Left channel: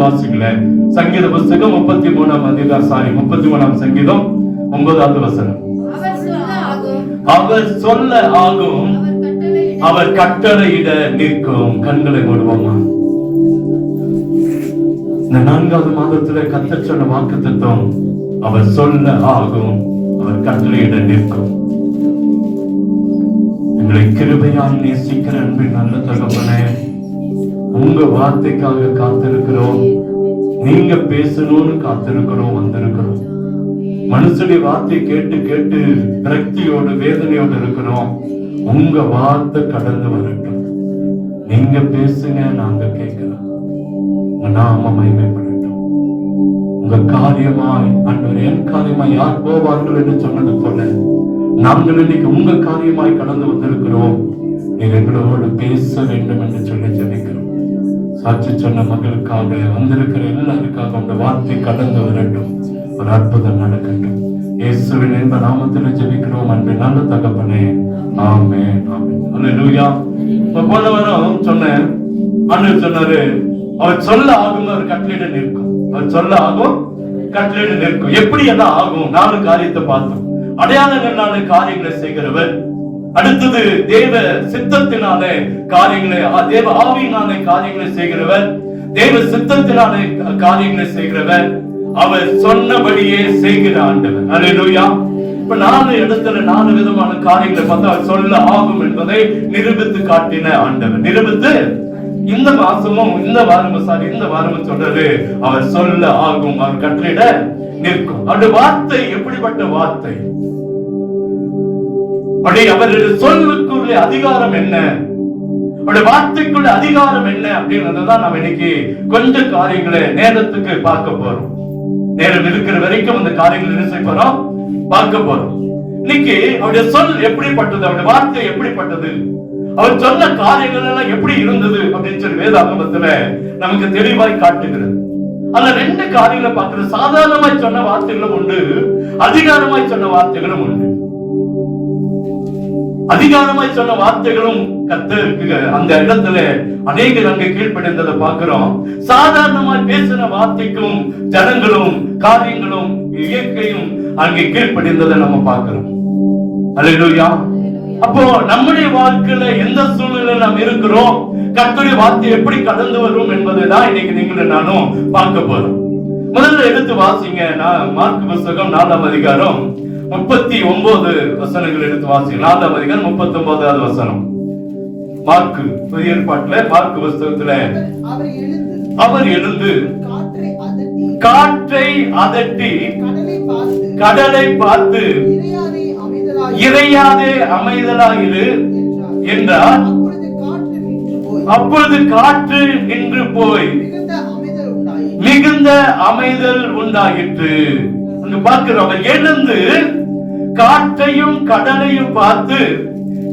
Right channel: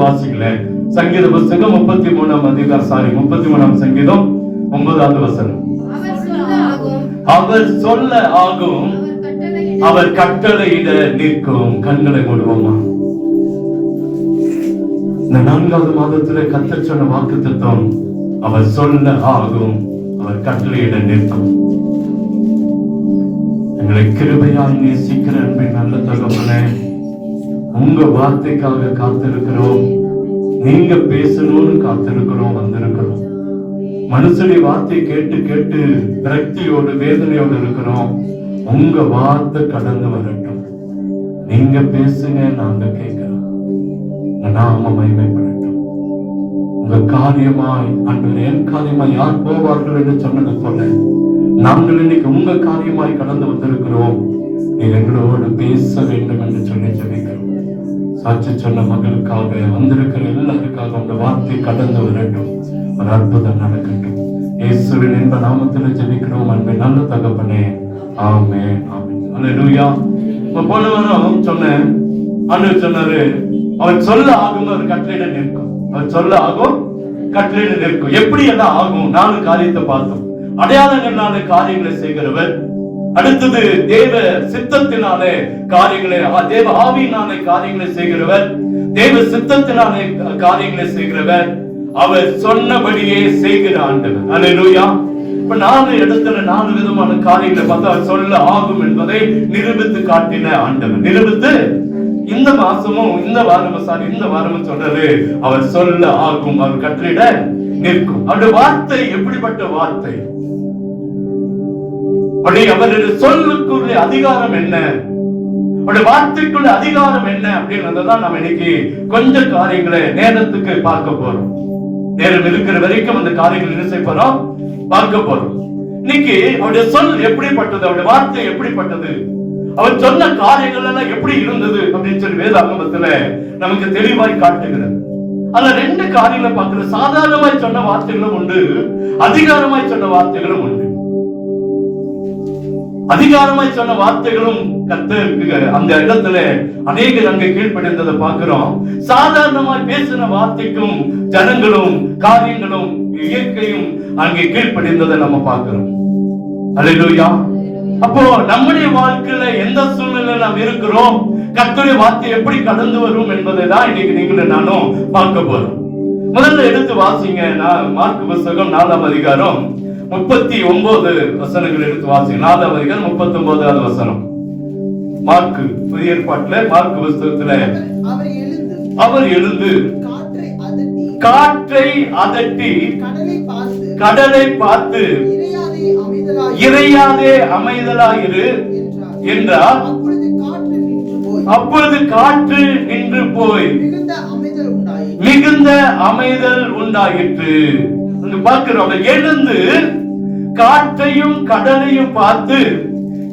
வாசிங்களேன். சங்கீத புஸ்தகம் 33ஆம் சங்கீதம் 9வது வசனம். அவர் சொல்ல ஆகும், அவர் கட்டளையிட நிற்கும். கண்களை மூடுவோமா? இந்த 4வது மாதத்திலே கர்த்தர் சொன்ன வாக்குத்தத்தம், அவர் சொல்ல ஆகும், அவர் கட்டளையிட நிற்கும். எங்களை கிருபையால் நேசிக்கிற அன்பின் நல்ல தகப்பனே, உங்க வார்த்தைக்காக காத்திருக்கிறோம். நீங்க பேசணும்னு காத்திருக்கிறோம், வந்திருக்கிறோம். மனுஷனுடைய வார்த்தை கேட்டு கேட்டு விரக்தியோடு வேதனையோடு இருக்கிறோம். உங்க வார்த்தை கடந்து வரட்டும். நீங்க பேசுங்க, நாங்க கேட்கிறோம். உங்க நாம மகிமைப்படட்டும். உங்க காரியமாய் ஆண்டவரே, என் காரியமாய் யார் போவார்கள் என்று சொன்னது போல நாங்கள் இன்னைக்கு உங்க காரியமாய் கடந்து வந்திருக்கிறோம். நீங்க எங்களோடு பேச வேண்டும் என்று சொல்லி ஜெபிக்கிறோம். சாட்சி சொன்ன மகளுக்காக வந்திருக்கிற எல்லாருக்காக உங்க வார்த்தை கடந்து வரட்டும். ஒரு அற்புதம் நடக்கட்டும். இயேசுவின் இந்த நாமத்தில் ஜெபிக்கிறோம் அன்பின் நல்ல தகப்பனே, ஆமென், ஆமென். அல்லேலூயா. போன வாரம் சொன்னேன், ஆண்டவர் சொன்னாரு, அவர் சொல்ல ஆகும், ஒரு கட்டளையிட நிற்கும். அவர் சொல்ல ஆகும், கட்டளையிட நிற்கும். எப்படி எல்லாம் ஆகும்? 4 காரியத்தை பார்த்தோம். அடையாளங்களான காரியங்களை செய்கிறவர், அடுத்தது தேவ சித்தத்தினாலே காரியங்களை, தேவ ஆவியினாலே காரியங்களை செய்கிறவர், தேவ சித்தத்தினாலே காரியங்களை செய்கிறவர், அவர் சொன்னபடியே செய்கிற ஆண்டவர். அல்லேலூயா. இப்ப 4 இடத்துல 4 விதமான காரியங்களை பார்த்தா சொல்ல ஆகும் என்பதை நிரூபித்து காட்டின ஆண்டவர். நிரூபித்து இந்த மாசமும் இந்த வாரமும் சொல்றாரு, அவர் சொல்ல ஆகும், அவர் கட்டளையிட நிற்கும். அவருடைய வார்த்தை எப்படிப்பட்ட வார்த்தை? அவருடைய சொல்லுக்குள்ள அதிகாரம் என்ன, அவருடைய வார்த்தைக்குள்ள அதிகாரம் என்ன அப்படின்றதான் நம்ம இன்னைக்கு கொஞ்சம் காரியங்களை நேரத்துக்கு பார்க்க போறோம். நேரம் இருக்கிற வரைக்கும் அந்த காரியங்களை என்ன செய்ய போறோம்? பார்க்க போறோம். இன்னைக்கு அவருடைய சொல் எப்படிப்பட்டது, அவருடைய வார்த்தை எப்படிப்பட்டது, அவர் சொன்ன காரியங்கள் எல்லாம் எப்படி இருந்தது அப்படின்னு சொல்லி வேதாகமத்துல நமக்கு தெளிவாய் காட்டுகிறது. ஆனா 2 காரியங்களை பார்க்கிறது. சாதாரணமாய் சொன்ன வார்த்தைகளும் உண்டு, அதிகாரமாய் சொன்ன வார்த்தைகளும் உண்டு. அதிகாரமாய் சொன்ன வார்த்தைகளும் கர்த்தருக்கு அந்த இடத்துல அநேகர் அங்கே கீழ்ப்படைந்ததை பார்க்கிறோம். சாதாரணமாய் பேசின வார்த்தைக்கும் ஜனங்களும் காரியங்களும் இயற்கையும் அங்கே கீழ்ப்படைந்ததை நம்ம பார்க்கிறோம். அல்லேலூயா. அப்போ நம்முடைய வாழ்க்கையில எந்த சூழ்நிலையில நாம் இருக்கிறோம், கர்த்தருடைய வார்த்தை எப்படி கடந்து வரும் என்பதை தான் இன்னைக்கு நீங்களும் நானும் பார்க்க போறோம். முதல்ல எடுத்து வாசிங்க. மார்க்கு புத்தகம் 4ஆம் அதிகாரம் 39 வசனங்கள் எடுத்து வாசிங்க. 4ஆம் அதிகாரம் 39வது வசனம். மார்க்கு புதிய ஏற்பாட்டுல மார்க்கு புத்தகத்துல அவர் எழுந்து காற்றை அதட்டி கடலை பார்த்து இறையாதே அமைதலாயிரு என்றார். அப்பொழுது காற்று நின்று போய் மிகுந்த அமைதல் உண்டாயிற்று. அங்கு பார்க்கிறோம், அவர் எழுந்து காற்றையும் கடலையும் பார்த்து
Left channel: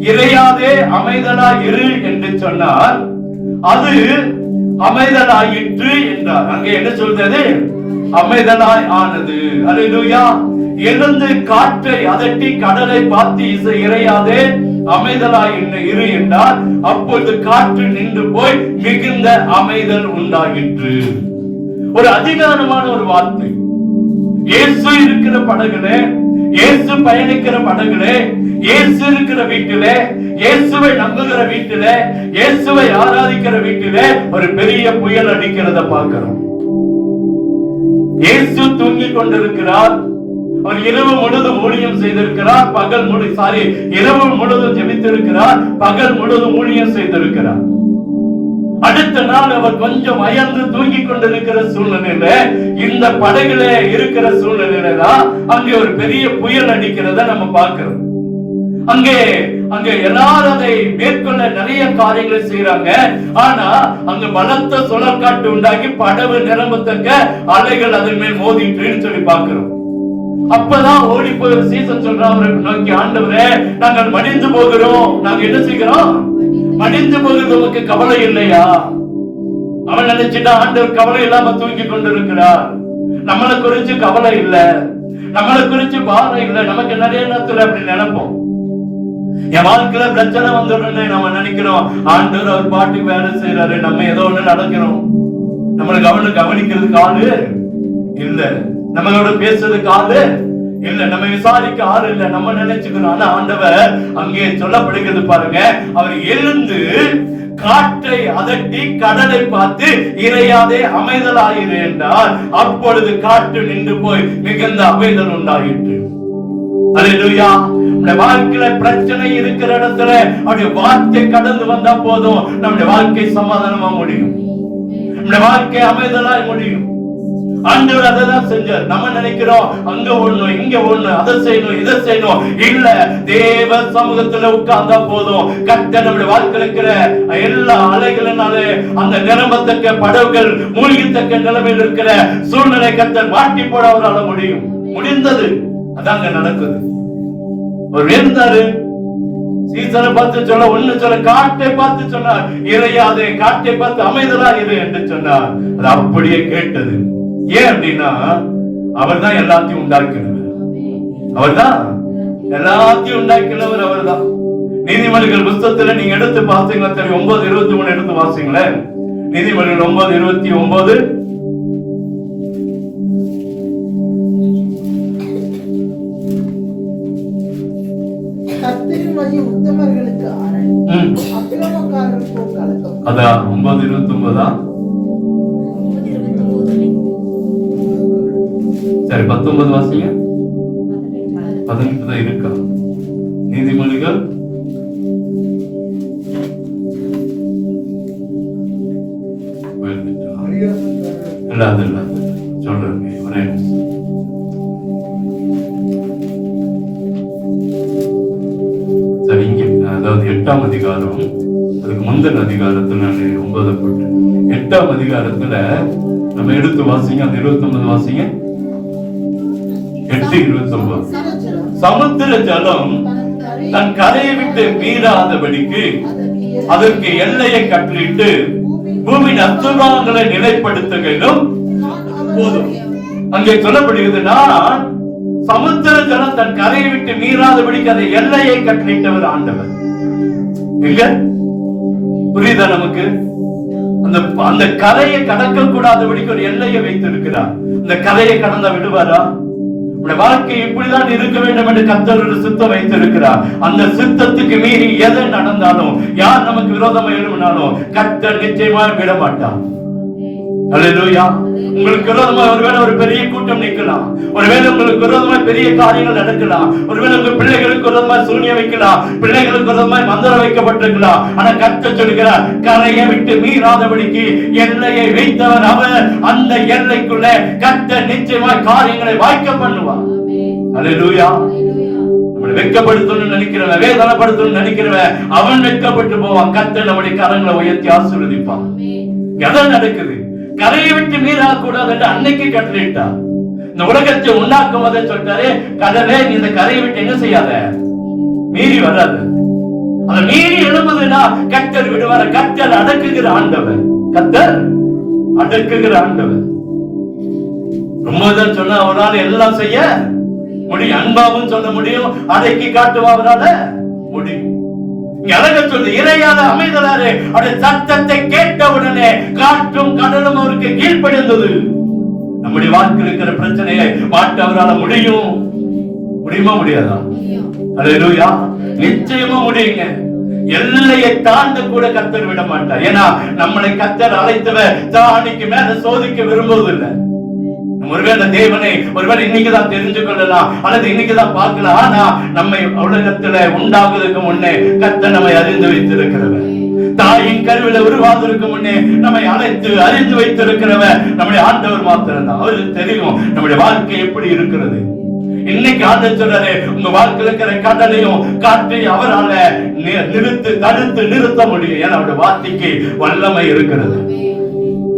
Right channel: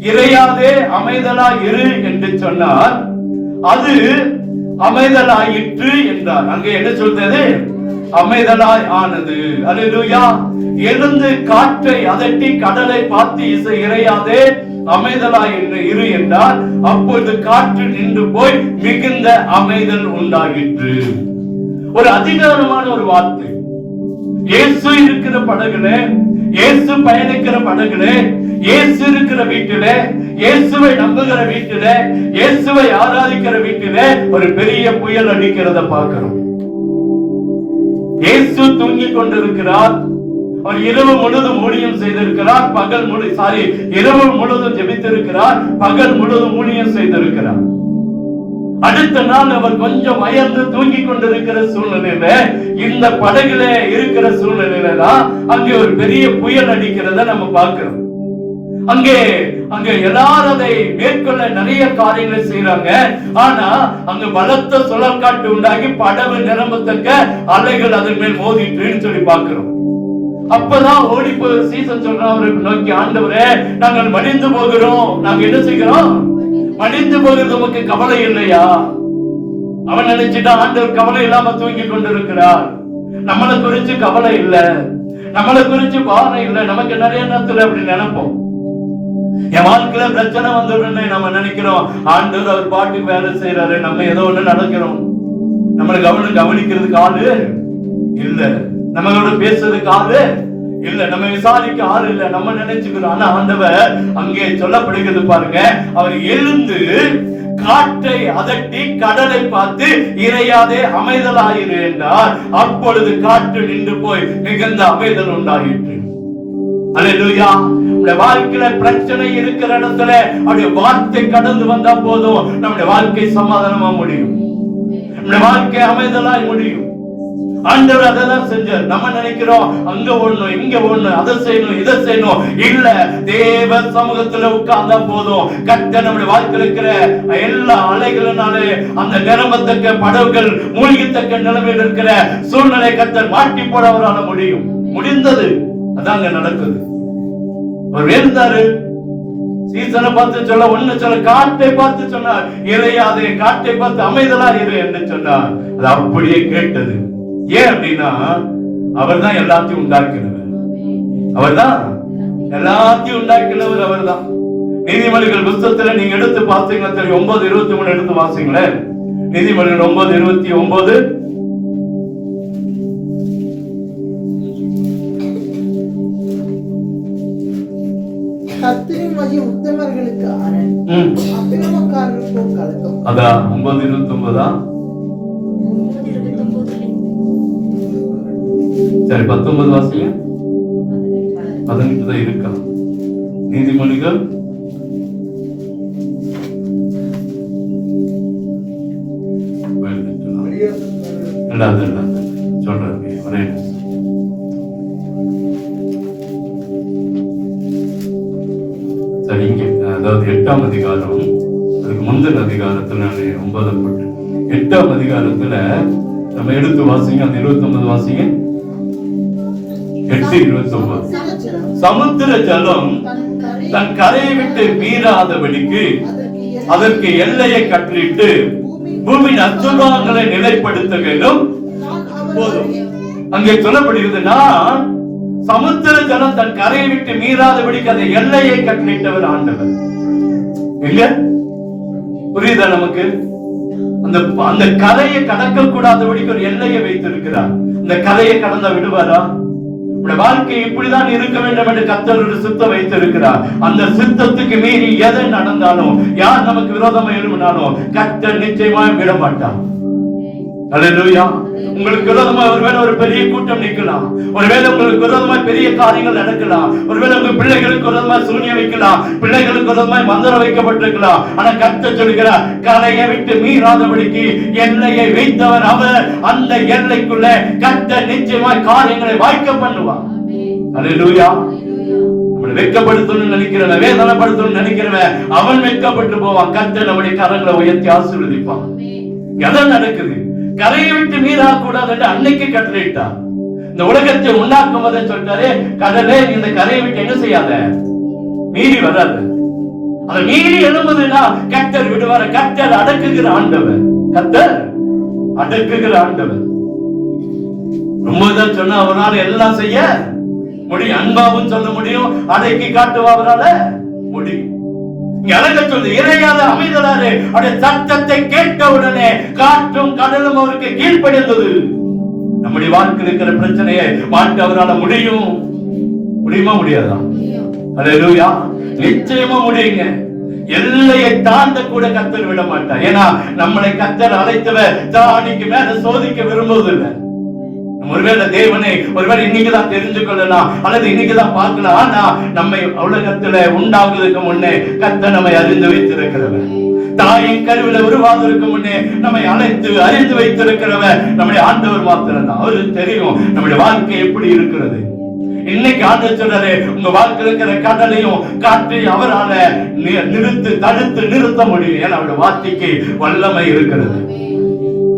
இறையாதே அமைதலாய் இரு என்று சொன்னார். அது அமைதலாயிற்று என்றார். அங்கே என்ன சொல்றது? அமைதலாய் ஆனது. அல்லேலூயா. எழுந்து காற்றை அதட்டி கடலை பார்த்து இறையாதே அமைதலாய் இரு என்றார். அப்பொழுது காற்று நின்று போய் மிகுந்த அமைதல் உண்டாயிற்று. ஒரு அதிகாரமான ஒரு வார்த்தை. இயேசு இருக்கிற படகுலே, இயேசு பயணிக்கிற படகுலே, இயேசு இருக்கிற வீட்டிலே, இயேசுவை நம்புகிற வீட்டிலே, இயேசுவை ஆராதிக்கிற வீட்டிலே ஒரு பெரிய புயல் அடிக்கிறத பார்க்கிறோம். இயேசு தூங்கிக் கொண்டிருக்கிறார். அவர் இரவு முழுதும் ஊழியம் செய்திருக்கிறார். இரவு முழுதும் ஜெபித்திருக்கிறார். பகல் முழுதும் ஊழியம் செய்திருக்கிறார். அடுத்த நாள் அவர் கொஞ்சம் அயர்ந்து தூங்கிக் கொண்டிருக்கிற சூழ்நிலையில, இந்த படகுல இருக்கிற சூழ்நிலையில தான் அங்கே ஒரு பெரிய புயல் அடிக்கிறத நம்ம பார்க்கிறோம். அங்கே எல்லாரும் அதை மேற்கொள்ள நிறைய காரியங்களை செய்யறாங்க. ஆனா அங்க பலத்த சுழற்காற்று உண்டாகி படகு நிரம்பத்தக்க அலைகள் அதன் மேல் மோதிட்டுன்னு சொல்லி பார்க்கிறோம். அப்பதான் ஓடி போய் சீசன் சொல்றாங்க, நோக்கி ஆண்டவரே நாங்கள் மடிந்து போகிறோம். நாங்க என்ன செய்கிறோம்? மடிந்து போகிறது நமக்கு கவலை இல்லையா? அவன் நினைச்சிட்டா ஆண்டவர் கவலை இல்லாம தூங்கி கொண்டிருக்கிறார். நம்மளை குறிச்சு கவலை இல்ல, நம்மளை குறிச்சு பாவனை இல்லை. நமக்கு நிறைய நேரத்துல அப்படி நினைப்போம். என் வாழ்க்கையில பிரச்சனை வந்துடும் நம்ம நினைக்கிறோம். ஆண்டவர் அவர் பாட்டுக்கு வேலை செய்யறாரு, நம்ம ஏதோ ஒண்ணு நடக்கிறோம். நம்மளை கவனிக்கிறதுக்கு ஆளு இல்ல, நம்மளோட பேசுறதுக்கு ஆளு இல்ல, நம்ம விசாரிக்க ஆள் இல்ல, நம்ம நினைச்சுக்கிறோம். ஆனா ஆண்டவர் அங்கே சொல்லப்படுகிறது பாருங்க, அவர் எழுந்து காற்றை அதட்டி கடலை பார்த்து இறையாதே அமைதலாயிரு என்றார். அப்பொழுது காற்று நின்று போய் மிகுந்த அமைதல் உண்டாயிற்று. அல்லேலூயா. நம்முடைய வாழ்க்கையில பிரச்சனை இருக்கிற இடத்துல அவருடைய வார்த்தை கடந்து வந்தா போதும், நம்முடைய வாழ்க்கை சமாதானமா முடியும், நம்முடைய வாழ்க்கை அமைதலாய் முடியும். ஆண்டவர் அதான் செஞ்சார். நம்ம நினைக்கிறோம் அங்க ஒண்ணு இங்க ஒண்ணு, அதை செய்யணும் இதை செய்யணும். இல்ல, தேவ சமூகத்துல உட்கார்ந்தா போதும். கர்த்தர் நம்முடைய வாழ்க்கையில் இருக்கிற எல்லா அலைகளினாலே அந்த நிரம்பத்தக்க படகுகள் மூழ்கத்தக்க நிலைமையில் இருக்கிற சூழ்நிலை கர்த்தர் மாட்டி போட அவரால் முடிந்தது. அதாங்க நடக்குது. அவர் வேண்டாரு சீசனை பார்த்து சொல்ல ஒண்ணு சொல்ல, காட்டை பார்த்து சொன்னார் இறையாதே, காட்டை பார்த்து அமைதலா இரு என்று சொன்னார். அது அப்படியே கேட்டது. ஏன் அப்படின்னா அவர் தான் எல்லாத்தையும் உண்டாக்கினவர், அவர் தான் எல்லாத்தையும் உண்டாக்கினவர், அவர் தான். நீதிமொழிகள் புத்தகத்துல நீங்க எடுத்து பார்த்தீங்கன்னா தெரியும். 9:23 எடுத்து வாசிங்களேன். நீதிமொழிகள் 9:29. கர்த்தரின் வழி உத்தமர்களுக்கு அரண், அக்கிரமக்காரருக்கு கலக்கம். அதான் 9:29. சரி, 19 வாசிங்க. 18 தான் இருக்கா? நீதிமொழிகள் சொல்றேன். சரி, இங்க அதாவது 8ஆம் அதிகாரம், அதுக்கு முந்தின அதிகாரத்துல நான் 9 போட்டு 8ஆம் அதிகாரத்துல நம்ம எடுத்து வாசிங்க. அந்த 29 வாசிங்க. 8:29. சமுத்திர ஜலம் தன் கரையை விட்டு மீறாதபடிக்கு அதற்கு எல்லையை கட்டளிட்டு பூமியின் அசுரங்களை நிலைப்படுத்த வேண்டும். போதும். அங்கே சொல்லப்படுகிறதுனா, சமுத்திர ஜலம் தன் கரையை விட்டு மீறாதபடிக்கு அதை எல்லையை கட்டளிட்டவர் ஆண்டவர். இல்ல, புரியுதா நமக்கு? அந்த கரையை கடக்க கூடாதபடிக்கு ஒரு எல்லையை வைத்திருக்கிறார். அந்த கரையை கடந்த விடுவாரா? வாழ்க்கை இப்படிதான் இருக்க வேண்டும் என்று கர்த்தர் ஒரு சித்தம் வைத்திருக்கிறார். அந்த சித்தத்துக்கு மீறி எதை நடந்தாலும், யார் நமக்கு விரோதமாக எழுப்பினாலும் கர்த்தர் நிச்சயமாக விட மாட்டார். அல்லேலூயா. உங்களுக்கு விரோதமா ஒருவேளை ஒரு பெரிய கூட்டம் நிற்கலாம், ஒருவேளை உங்களுக்கு விரோதமா பெரிய காரியங்கள் நடக்கலாம், ஒருவேளை உங்க பிள்ளைகளுக்கு விரோதமா சூனியம் வைக்கலாம், பிள்ளைகளுக்கு விரோதமா மந்திரம் வைக்கப்பட்டிருக்கலாம். ஆனா கர்த்தர் சொல்கிறார், கரையை விட்டு மீறாதபடிக்கு எல்லையை வைத்தவர் அவர். அந்த எல்லைக்குள்ள கர்த்தர் நிச்சயமாய் காரியங்களை வாய்க்க பண்ணுவார். அல்லேலூயா. வெட்கப்படுத்தணும்னு நினைக்கிறவன், வேதனைப்படுத்தணும்னு நினைக்கிறவன், அவன் வெட்கப்பட்டு போவான். கர்த்தர் நம்முடைய கரங்களை உயர்த்தி ஆசீர்வதிப்பான். எதை நடக்குது? கரையை விட்டு மீறா கூடாது என்று அன்னைக்கு கட்டளையிட்டார். இந்த உலகத்தை உண்டாக்கும் போது சொல்றாரு, கடலே நீ இந்த கரையை விட்டு என்ன செய்யாத, மீறி வராது. அதை மீறி எழும்புதுன்னா கர்த்தர் விடுவார். கர்த்தர் அடக்குகிற ஆண்டவர், கர்த்தர் அடக்குகிற ஆண்டவர். ரொம்ப தான் சொன்னா அவரால் எல்லாம் செய்ய முடியும். அன்பாவும் சொல்ல முடியும், அடக்கி காட்டுவா அவரால முடியும். இறையாத அமைதலாறு அவருடைய சத்தத்தை கேட்ட உடனே காற்றும் கடலும் அவருக்கு கீழ்ப்படிந்தது. நம்முடைய வாழ்க்கையில் இருக்கிற பிரச்சனையை மாற்ற அவரால் முடியுமா முடியாதா? அல்லேலூயா. நிச்சயமா முடியுங்க. எல்லையை தாண்ட கூட கர்த்தர் விட மாட்டார். ஏன்னா நம்மளை கர்த்தர் அழைத்தவர் தானிக்கு மேல சோதிக்க விரும்புவதில்லை. ஒருவேளை தேவனை ஒருவேளை இன்னைக்குதான் தெரிஞ்சு கொள்ளலாம், அல்லது இன்னைக்குதான் பார்க்கலாம். ஆனா நம்மை உலகத்துல உண்டாகுவதற்கு முன்னே கர்த்தர் நம்மை அறிந்து வைத்திருக்கிறவர். தாயின் கருவில உருவாவதற்கு முன்னே நம்மை அழைத்து அறிந்து வைத்திருக்கிறவர் நம்முடைய ஆண்டவர் மாத்திரம்தான். அவருக்கு தெரியும் நம்முடைய வாழ்க்கை எப்படி இருக்கிறது. இன்னைக்கு ஆண்டவர் சொல்றாரு, உங்க வாழ்க்கையில் இருக்கிற கடலையும் காற்றை அவரால தடுத்து நிறுத்த முடியும். ஏன்னா அவருடைய வார்த்தைக்கு வல்லமை இருக்கிறது.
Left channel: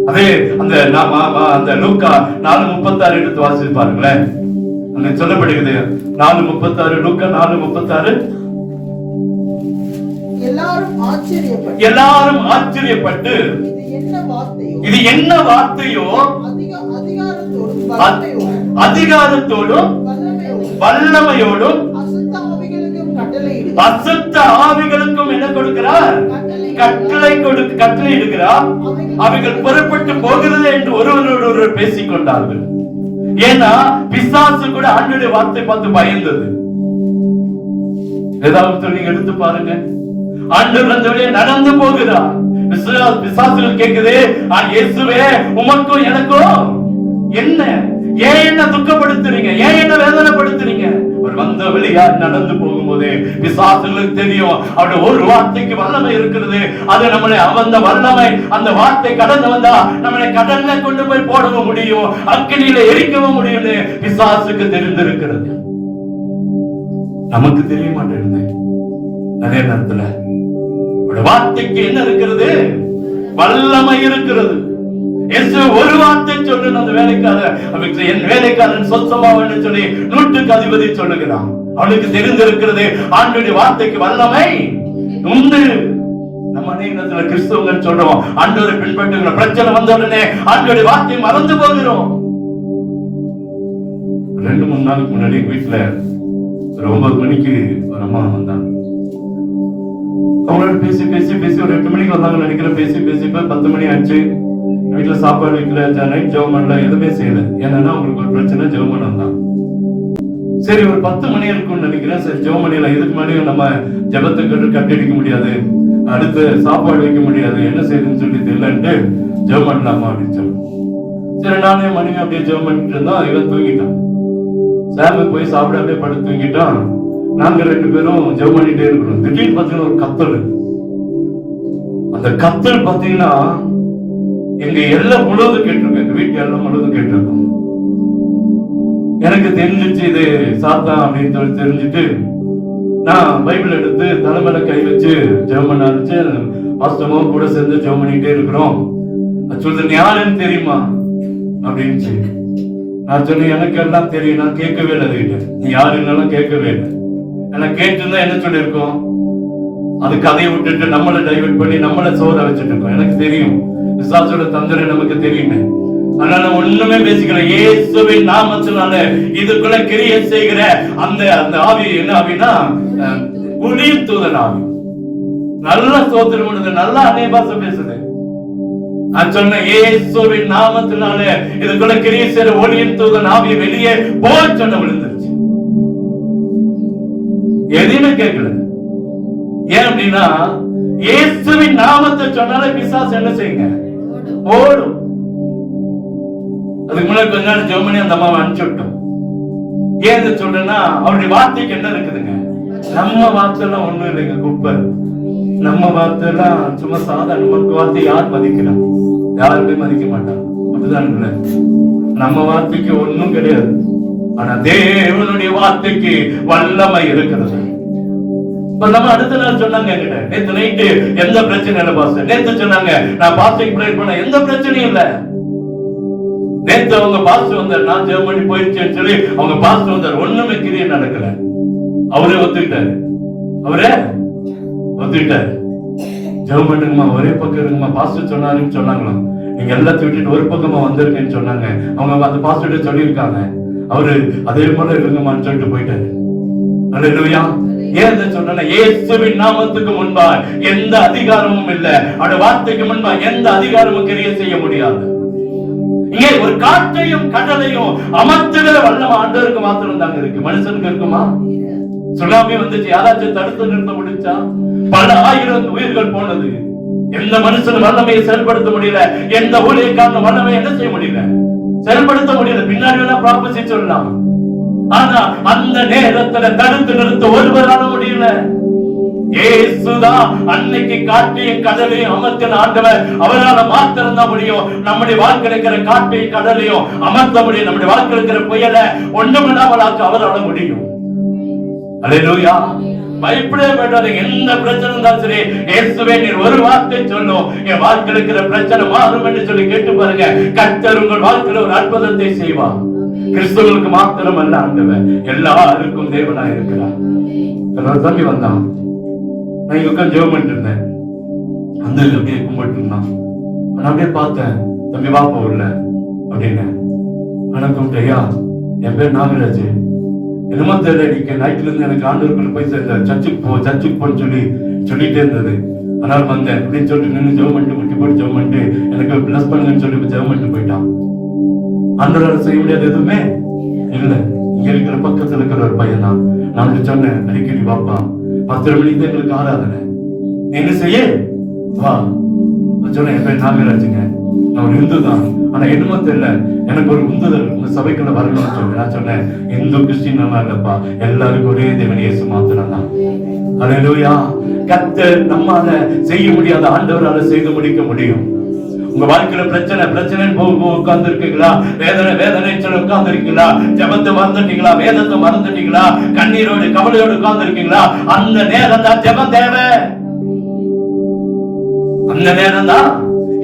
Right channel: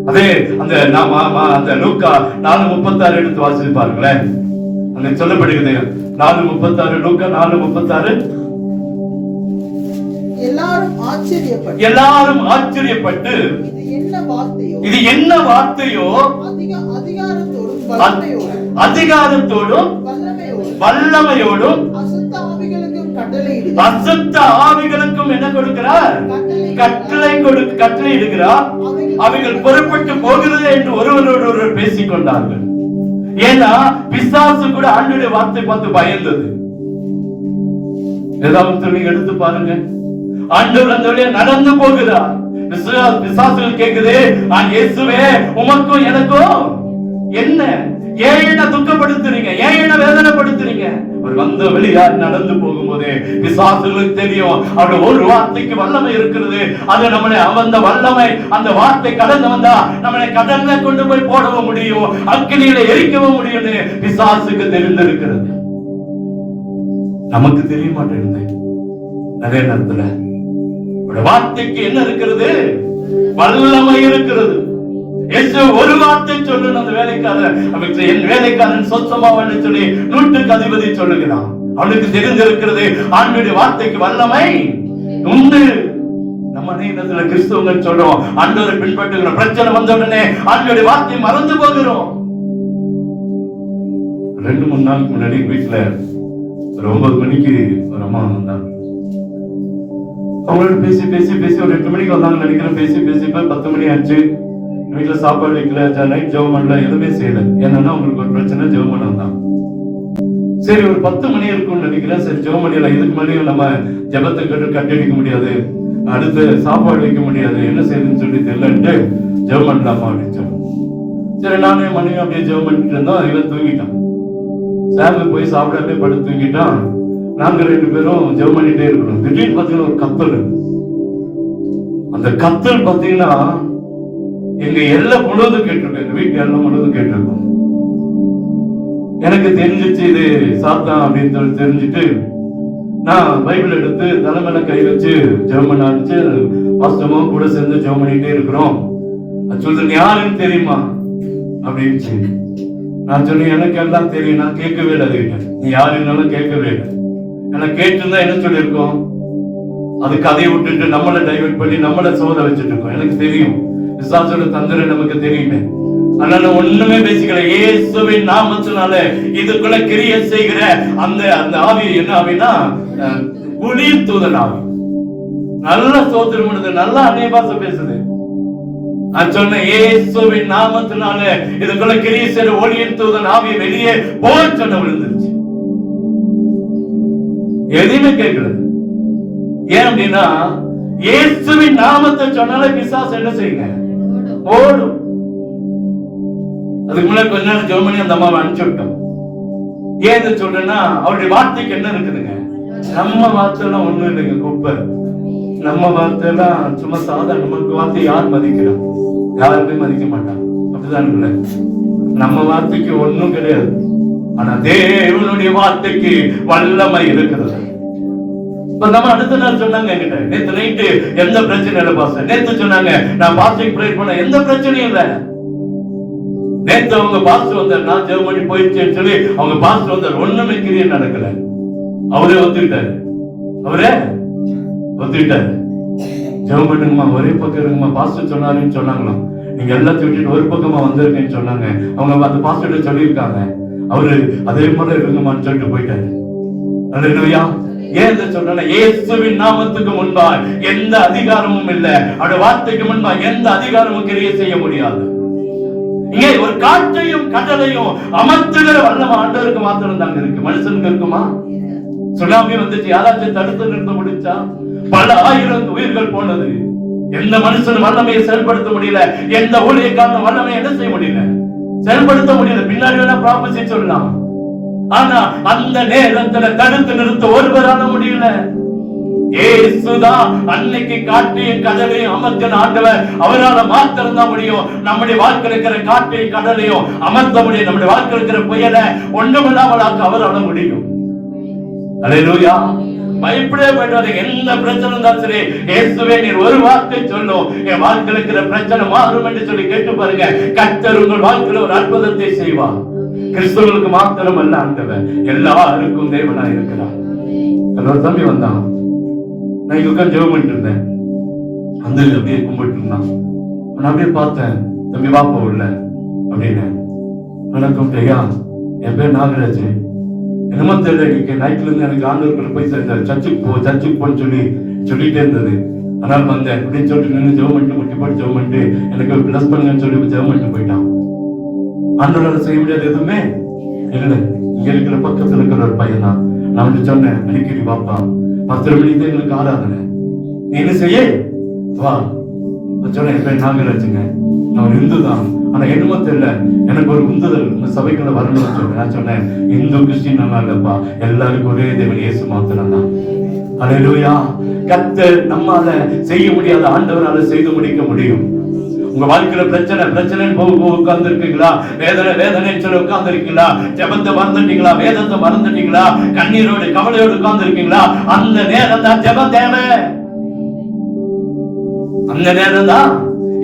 அதே அந்த லூக்கா 4:36 எடுத்து வாசித்து பாருங்களேன். அங்க சொல்லப்படுகிறது 4:36, லூக்கா 4:36. எல்லாரும் ஆச்சரியப்பட்டு இது என்ன வார்த்தையோ அதிகாரத்தோடும் வல்லமையோடும் அசுத்த ஆவிகளுக்கும் என்ன கொடுக்கிறார்? கட்டளை இடுகிறார். அவைகள் புறப்பட்டு போகிறது என்று ஒருவரோடு ஒருவர் பேசிக் கொண்டார்கள். ஏன்னா பிசாசு கூட ஆண்டவருடைய வார்த்தை பார்த்து பயந்தது. ஏதாவது நீங்க எடுத்து பாருங்க, ஆண்டவர் அந்த வழியா நடந்து போகிறார். பிசாசுகள் கேக்குது, இயேசுவே உமக்கும் எனக்கும் என்ன, ஏன் என்ன துக்கப்படுத்துறீங்க, ஏன் என்ன வேதனைப்படுத்துறீங்க? அவர் வந்த வழியா நடந்து போகும்போது பிசாசுகளுக்கு தெரியும் அவருடைய ஒரு வார்த்தைக்கு வல்லமை இருக்கிறது. அது நம்மளை அந்த வல்லமை, அந்த வார்த்தை கடந்து வந்தா நம்மளை கடல்ல கொண்டு போய் போடவும் முடியும், அக்கினியில எரிக்கவும் முடியும். பிசாசுக்கு தெரிந்திருக்கிறது, நமக்கு தெரிய மாட்டேங்குது. நிறைய நேரத்துல வார்த்தைக்கு என்ன இருக்கிறது? வல்லமை இருக்கிறது. ஒரு வார்த்தை சொல்லு, அந்த வேலைக்காரன் என் வேலைக்காரன் சொத்தமாவன்னு சொல்லி 100க்கு அதிபதி சொல்லுகிறான். அவனுக்கு தெரிந்திருக்கிறது ஆண்டவருடைய வார்த்தைக்கு வல்லமை உண்டு. நம்ம அநேகத்துல கிறிஸ்தவர்கள் சொல்றோம், ஆண்டவரை பின்பற்றுகிற பிரச்சனை வந்த உடனே ஆண்டவருடைய வார்த்தையை மறந்து போகிறோம். 2-3 நாளுக்கு முன்னாடி வீட்டுல 9 மணிக்கு ஒரு அம்மா வந்தாங்க. அவங்களோட பேசி பேசி பேசி ஒரு 8 மணிக்கு வந்தாங்க நினைக்கிறேன். பேசி பேசி 10 மணி ஆச்சு. வீட்டுல சாப்பாடு வைக்கல, நைட் ஜெபம் பண்ணல, எதுவுமே செய்யல. ஏன்னா அவங்களுக்கு ஒரு பிரச்சனை, ஜெபம் பண்ண வந்தான். சரி ஒரு 10 மணி இருக்கும்னு நினைக்கிறேன். சரி ஜெபம் பண்ணல, இதுக்கு முன்னாடியும் நம்ம ஜெபத்துக்கு கட்டடிக்க முடியாது, அடுத்து சாப்பாடு வைக்க முடியாது, என்ன செய்யுதுன்னு சொல்லி தெரியலன்ட்டு ஜெபம் பண்ணலாமா அப்படின்னு சொல்லி சரி நானே மனைவி அப்படியே ஜெபம் பண்ணிட்டு இருந்தோம். இவன் தூங்கிட்டான். சாமி போய் சாப்பிட அப்படியே படுத்து தூங்கிட்டான். நாங்க 2 பேரும் ஜெபம் பண்ணிட்டே இருக்கணும். திடீர்னு பாத்தீங்கன்னா ஒரு கத்தல். அந்த கத்தல் பாத்தீங்கன்னா எங்க எல்லாம் முழுவதும் கேட்டிருக்கோம், எங்க வீட்டு எல்லாம் முழுவதும் கேட்டிருக்கோம். எனக்கு தெரிஞ்சிச்சு இது சாத்தான் அப்படின்னு சொல்லி தெரிஞ்சுட்டு நான் பைபிள் எடுத்து தலைமையில கை வச்சு ஜெபம் பண்ண ஆரம்பிச்சு, வாஸ்தவம் கூட சேர்ந்து ஜெபம் பண்ணிட்டே இருக்கிறோம். சொல்றது யாருன்னு தெரியுமா அப்படின்னு சொல்லி நான் சொன்னேன், எனக்கு எல்லாம் தெரியும், நான் கேட்கவே இல்லை. நீ யாருன்னாலும் கேட்கவே இல்லை. எனக்கு கேட்டுருந்தா என்ன சொல்லியிருக்கோம்? அது கதையை விட்டுட்டு நம்மளை டைவர்ட் பண்ணி நம்மளை சோத வச்சுட்டு இருக்கோம். எனக்கு தெரியும், விசுவாசோட தந்திரம் நமக்கு தெரியுமே. அதனால ஒண்ணுமே பேசிக்கல. இயேசுவின் நாமத்தினால இதுக்குள்ள கிரியை செய்கிற அந்த அந்த ஆவி என்ன ஆவினா குளிர் தூதன் ஆவி. நல்ல ஸ்தோத்திரம் பண்ணுது, நல்லா அநேக பாஷை பேசுது. நான் சொன்னேன் இயேசுவின் நாமத்தினால இதுக்குள்ள கிரியை செய்கிற ஒளியின் தூதன் ஆவி வெளியே போய் சொன்ன விழுந்துருச்சு. எதுவுமே கேட்கல. ஏன் அப்படின்னா இயேசுவின் நாமத்தை சொன்னாலே பிசாசு என்ன செய்யுங்க? ஓடும். அதுக்கு முன்னாடி கொஞ்ச நேரம் ஜெபம் பண்ணி அந்த அம்மாவை அனுப்பிச்சு விட்டோம். ஏன் சொல்றேன்னா அவருடைய வார்த்தைக்கு என்ன இருக்குதுங்க? நம்ம வார்த்தைலாம் ஒண்ணும் இல்லைங்க, குப்பை. நம்ம வார்த்தைலாம் சும்மா சாதாரண. நமக்கு வார்த்தை யார் மதிக்கிறான்? யாருமே மதிக்க மாட்டான். அப்படிதான் இல்லை, நம்ம வார்த்தைக்கு ஒண்ணும் கிடையாது. ஆனா தேவனுடைய வார்த்தைக்கு வல்லமை இருக்கிறது. நம்ம அடுத்த நாள் சொன்னாங்க என்கிட்ட, நேத்து நைட்டு எந்த பிரச்சனை இல்லை பாஸ்டர். நேத்து சொன்னாங்க நான் பாஸ்டிங் ப்ரே பண்ண, எந்த பிரச்சனையும் இல்லை. நேத்து அவங்க பாஸ்டர் வந்தார், நான் ஜெபம் பண்ணி போயிடுச்சேன்னு சொல்லி அவங்க பாஸ்டர் வந்தார். ஒண்ணுமே கிரியை நடக்கல. அவரே ஒத்துக்கிட்டாரு. ஜெபம் பண்ணுங்கம்மா, ஒரே பக்கம் இருக்குமா, பாஸ்டர் சொன்னாருன்னு சொன்னாங்களாம். நீங்க எல்லாத்தையும் விட்டுட்டு ஒரு பக்கமா வந்திருக்கேன்னு சொன்னாங்க. அவங்க அந்த பாஸ்டர் சொல்லியிருக்காங்க. அவரு அதே போல இருங்கம்மான்னு சொல்லிட்டு போயிட்டாரு. அல்லேலூயா. ஏன் சொல்றேன்னா இயேசுவின் நாமத்துக்கு முன்பா எந்த அதிகாரமும் இல்லை. அவருடைய வார்த்தைக்கு முன்பா எந்த அதிகாரமும் கிரியை செய்ய முடியாது. இங்கே ஒரு காற்றையும் கடலையும் அமர்த்துகிற வல்லம் ஆண்டவருக்கு மாத்திரம் தான் இருக்கு, மனுஷனுக்கு இருக்குமா? சுனாமி வந்துச்சு, யாராச்சும் தடுத்து நிறுத்த முடிச்சா? பல ஆயிரம் உயிர்கள் போனது. எந்த மனுஷன் வல்லமையை செயல்படுத்த முடியல, எந்த ஊழியக்கான வல்லமை என்ன செய்ய முடியல, செயல்படுத்த முடியல. பின்னாடி வேணா ப்ராபசி சொல்லலாம், ஆனா அந்த நேரத்துல தடுத்து நிறுத்த ஒருவரால முடியல. இயேசுதான் அன்னைக்கு காற்றையும் கடலையும் அமர்த்தின ஆண்டவர். அவரால் மாத்திரம் தான் முடியும். நம்முடைய வாழ்க்கை இருக்கிற காற்றையும் கடலையும் அமர்த்த முடியும். நம்முடைய வாழ்க்கை இருக்கிற புயலை ஒன்றுமில்லாமலாக்க அவரால் முடியும். அல்லேலூயா. பயப்படவே வேண்டாம். எந்த பிரச்சனை இருந்தாலும் சரி, இயேசுவே நீர் ஒரு வார்த்தை சொல்லும், என் வாழ்க்கை இருக்கிற பிரச்சனை மாறும் என்று சொல்லி கேட்டு பாருங்க. கர்த்தர் உங்கள் வாழ்க்கையில் ஒரு அற்புதத்தை செய்வார். கிறிஸ்தவர்களுக்கு மாத்திரம் அல்ல, ஆண்டவர் எல்லாருக்கும் தேவனாய் இருக்கிறார். தம்பி வந்தான், நான் இங்க உட்கார்ந்து ஜெபம் பண்ணிட்டு இருந்தேன். வந்து அப்படியே கும்பிட்டு இருந்தான். நான் அப்படியே பார்த்தேன், தம்பி வா போகல அப்படின்னு. நான் கூப்பிட்டேயா, என் பேர் நாகராஜ். என்னமோ தெரியல, இன்னைக்கு நைட்ல இருந்து எனக்கு ஆண்டவர்கள் போய் சேர்ந்த சர்ச்சுக்கு போன்னு சொல்லிட்டே இருந்தது. அதனால வந்தேன் அப்படின்னு சொல்லிட்டு நின்று ஜெபம் பண்ணிட்டு முட்டி போட்டு ஜெபம் பண்ணிட்டு எனக்கு பிளஸ் பண்ணுங்கன்னு சொல்லி ஜெபம் பண்ணிட்டு போயிட்டான். ஆண்டவரால் செய்ய முடியாது எதுவுமே இல்லை. இங்க இருக்கிற பக்கத்துல இருக்கிற ஒரு பையன் தான். நான் சொன்னேன், அடிக்கடி பாப்பா 10 மணிக்கு தான் எங்களுக்கு ஆராதனை, நீ என்ன செய்ய வா. சொன்னேன், என் பேர் நாகராஜுங்க, நான் ஒரு இந்து தான், ஆனா என்னமோ தெரியல எனக்கு ஒரு உந்துதல் உங்க சபைக்குள்ள வரணும்னு சொன்னேன். நான் சொன்னேன், இந்து கிறிஸ்டின் நல்லா இல்லப்பா, எல்லாருக்கும் ஒரே தேவன் இயேசு மாத்திரம் தான். அல்லேலூயா. கர்த்தர் நம்மால செய்ய முடியாத ஆண்டவரால செய்து முடிக்க முடியும். உங்க வாழ்க்கையில பிரச்சனைன்னு உட்கார்ந்து இருக்கீங்களா? வேதனை சொல்லி உட்கார்ந்து இருக்கீங்களா? ஜெபத்தை மறந்துட்டீங்களா? வேதத்தை மறந்துட்டீங்களா? கண்ணீரோடு கவலையோடு உட்கார்ந்து இருக்கீங்களா? அந்த நேரம் தான் ஜெபம் தேவை. அந்த நேரம் தான்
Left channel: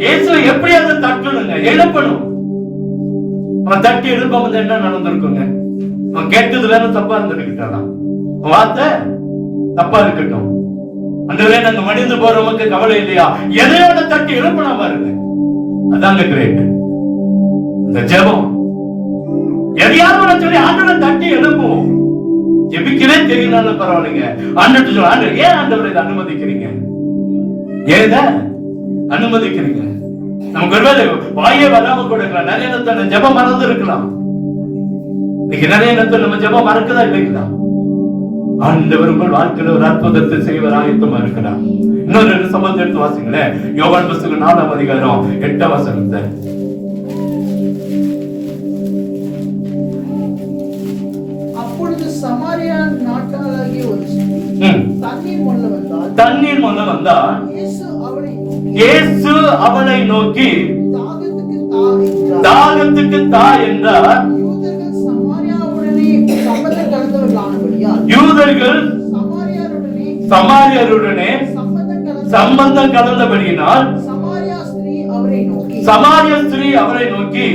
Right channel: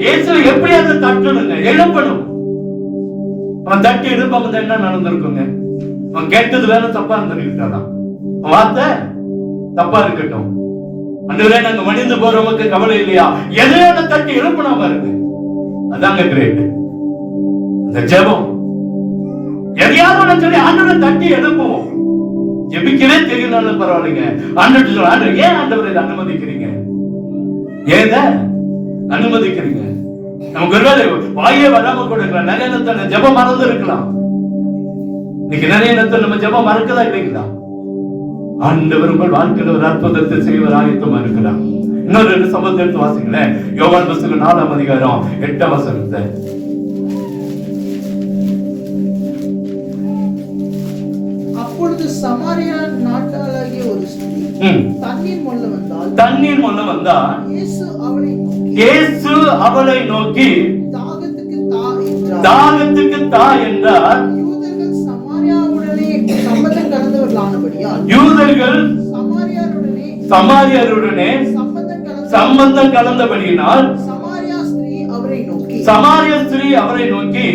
இயேசு எப்படியாவது தட்டணுங்க, எழுப்பணும். அவன் தட்டி எழுப்ப என்ன நடந்திருக்குங்க? அவன் கேட்டது வேற தப்பா இருந்திருக்கிட்டான், வார்த்தை தப்பா இருக்கட்டும். அன்றுவே நாங்க மடிந்து போறவங்க கவலை இல்லையா? எதையோட தட்டி எழுப்பணும் பாருங்க, அதாங்க கிரேட். இந்த ஜெபம் எதையாவது சொல்லி ஆண்டவரை தட்டி எழுப்புவோம். ஜெபிக்கவே தெரியலன்னு பரவாயில்லைங்க, ஆண்டவர் சொல்ல, ஆண்டவர் ஏன் ஆண்டவரை இதை அனுமதிக்கிறீங்க? ஏன் அனுமதிக்கிறீங்க? நமக்கு ஒருவேளை வாயே வராம கூட இருக்கலாம், நிறைய நேரத்தில் ஜெபம் மறந்து இருக்கலாம். இன்னைக்கு நிறைய நேரத்தில் நம்ம ஜெபம் மறக்கதா இல்லைங்களா? ஆண்டவர் வாழ்க்கையில் ஒரு அற்புதத்தை செய்வர் ஆயத்தமா இருக்கிறார். இன்னொரு 2 சம்பவத்தை எடுத்து வாசிங்களேன். யோவான் புத்தகம் 4ஆம் அதிகாரம் 8ஆம் வசனத்தை. அப்பொழுது சமாரியா நாட்டாளாகிய ஒரு ஸ்திரீ தண்ணீர் மொள்ள வந்தால் இயேசு அவளை நோக்கி தாகத்துக்கு தா என்றார். யூதர்கள் சமாரியருடனே சம்பந்தம் கலந்தபடியினால் சமாரிய ஸ்திரீ அவரை நோக்கி,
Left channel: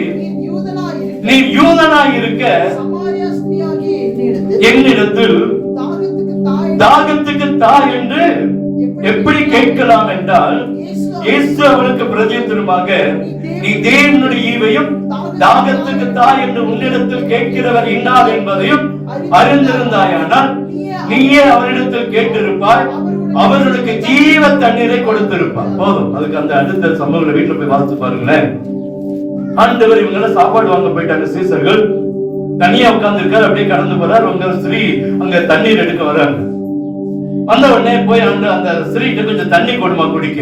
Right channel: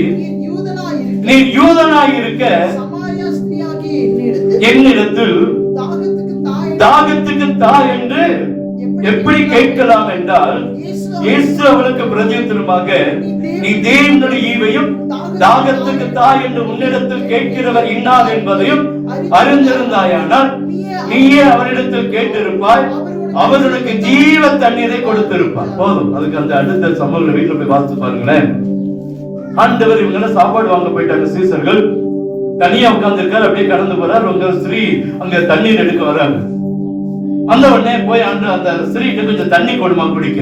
நீ யூதனாய் இருக்க என்னிடத்தில் தாகத்துக்கு தா என்று எப்படி கேட்கலாம் என்றால், இயேசு அவளுக்கு பிரதியுத்தரமாக, நீ தேவனுடைய ஈவையும் தாகத்துக்கு தா என்று உன்னிடத்தில் கேட்கிறவர் இன்னார் என்பதையும் அறிந்திருந்தாயானால் நீயே அவரிடத்தில் கேட்டிருப்பாய், அவர்களுக்கு ஜீவ தண்ணீரை கொடுத்திருப்பார். போதும். அதுக்கு அந்த அடுத்த சம்பவங்களை வீட்டுல போய் பார்த்து பாருங்களேன். ஆண்டவர் இவங்க சாப்பாடு வாங்க போயிட்டாங்க. சீசர்கள் தனியா உட்கார்ந்து இருக்காரு, அப்படியே கடந்து போறாரு. உங்க ஸ்திரீ அங்க தண்ணீர் எடுக்க வராங்க. அந்த உடனே போய் அந்த ஸ்திரீக்கு கொஞ்சம் தண்ணி கொடுமா குடிக்க.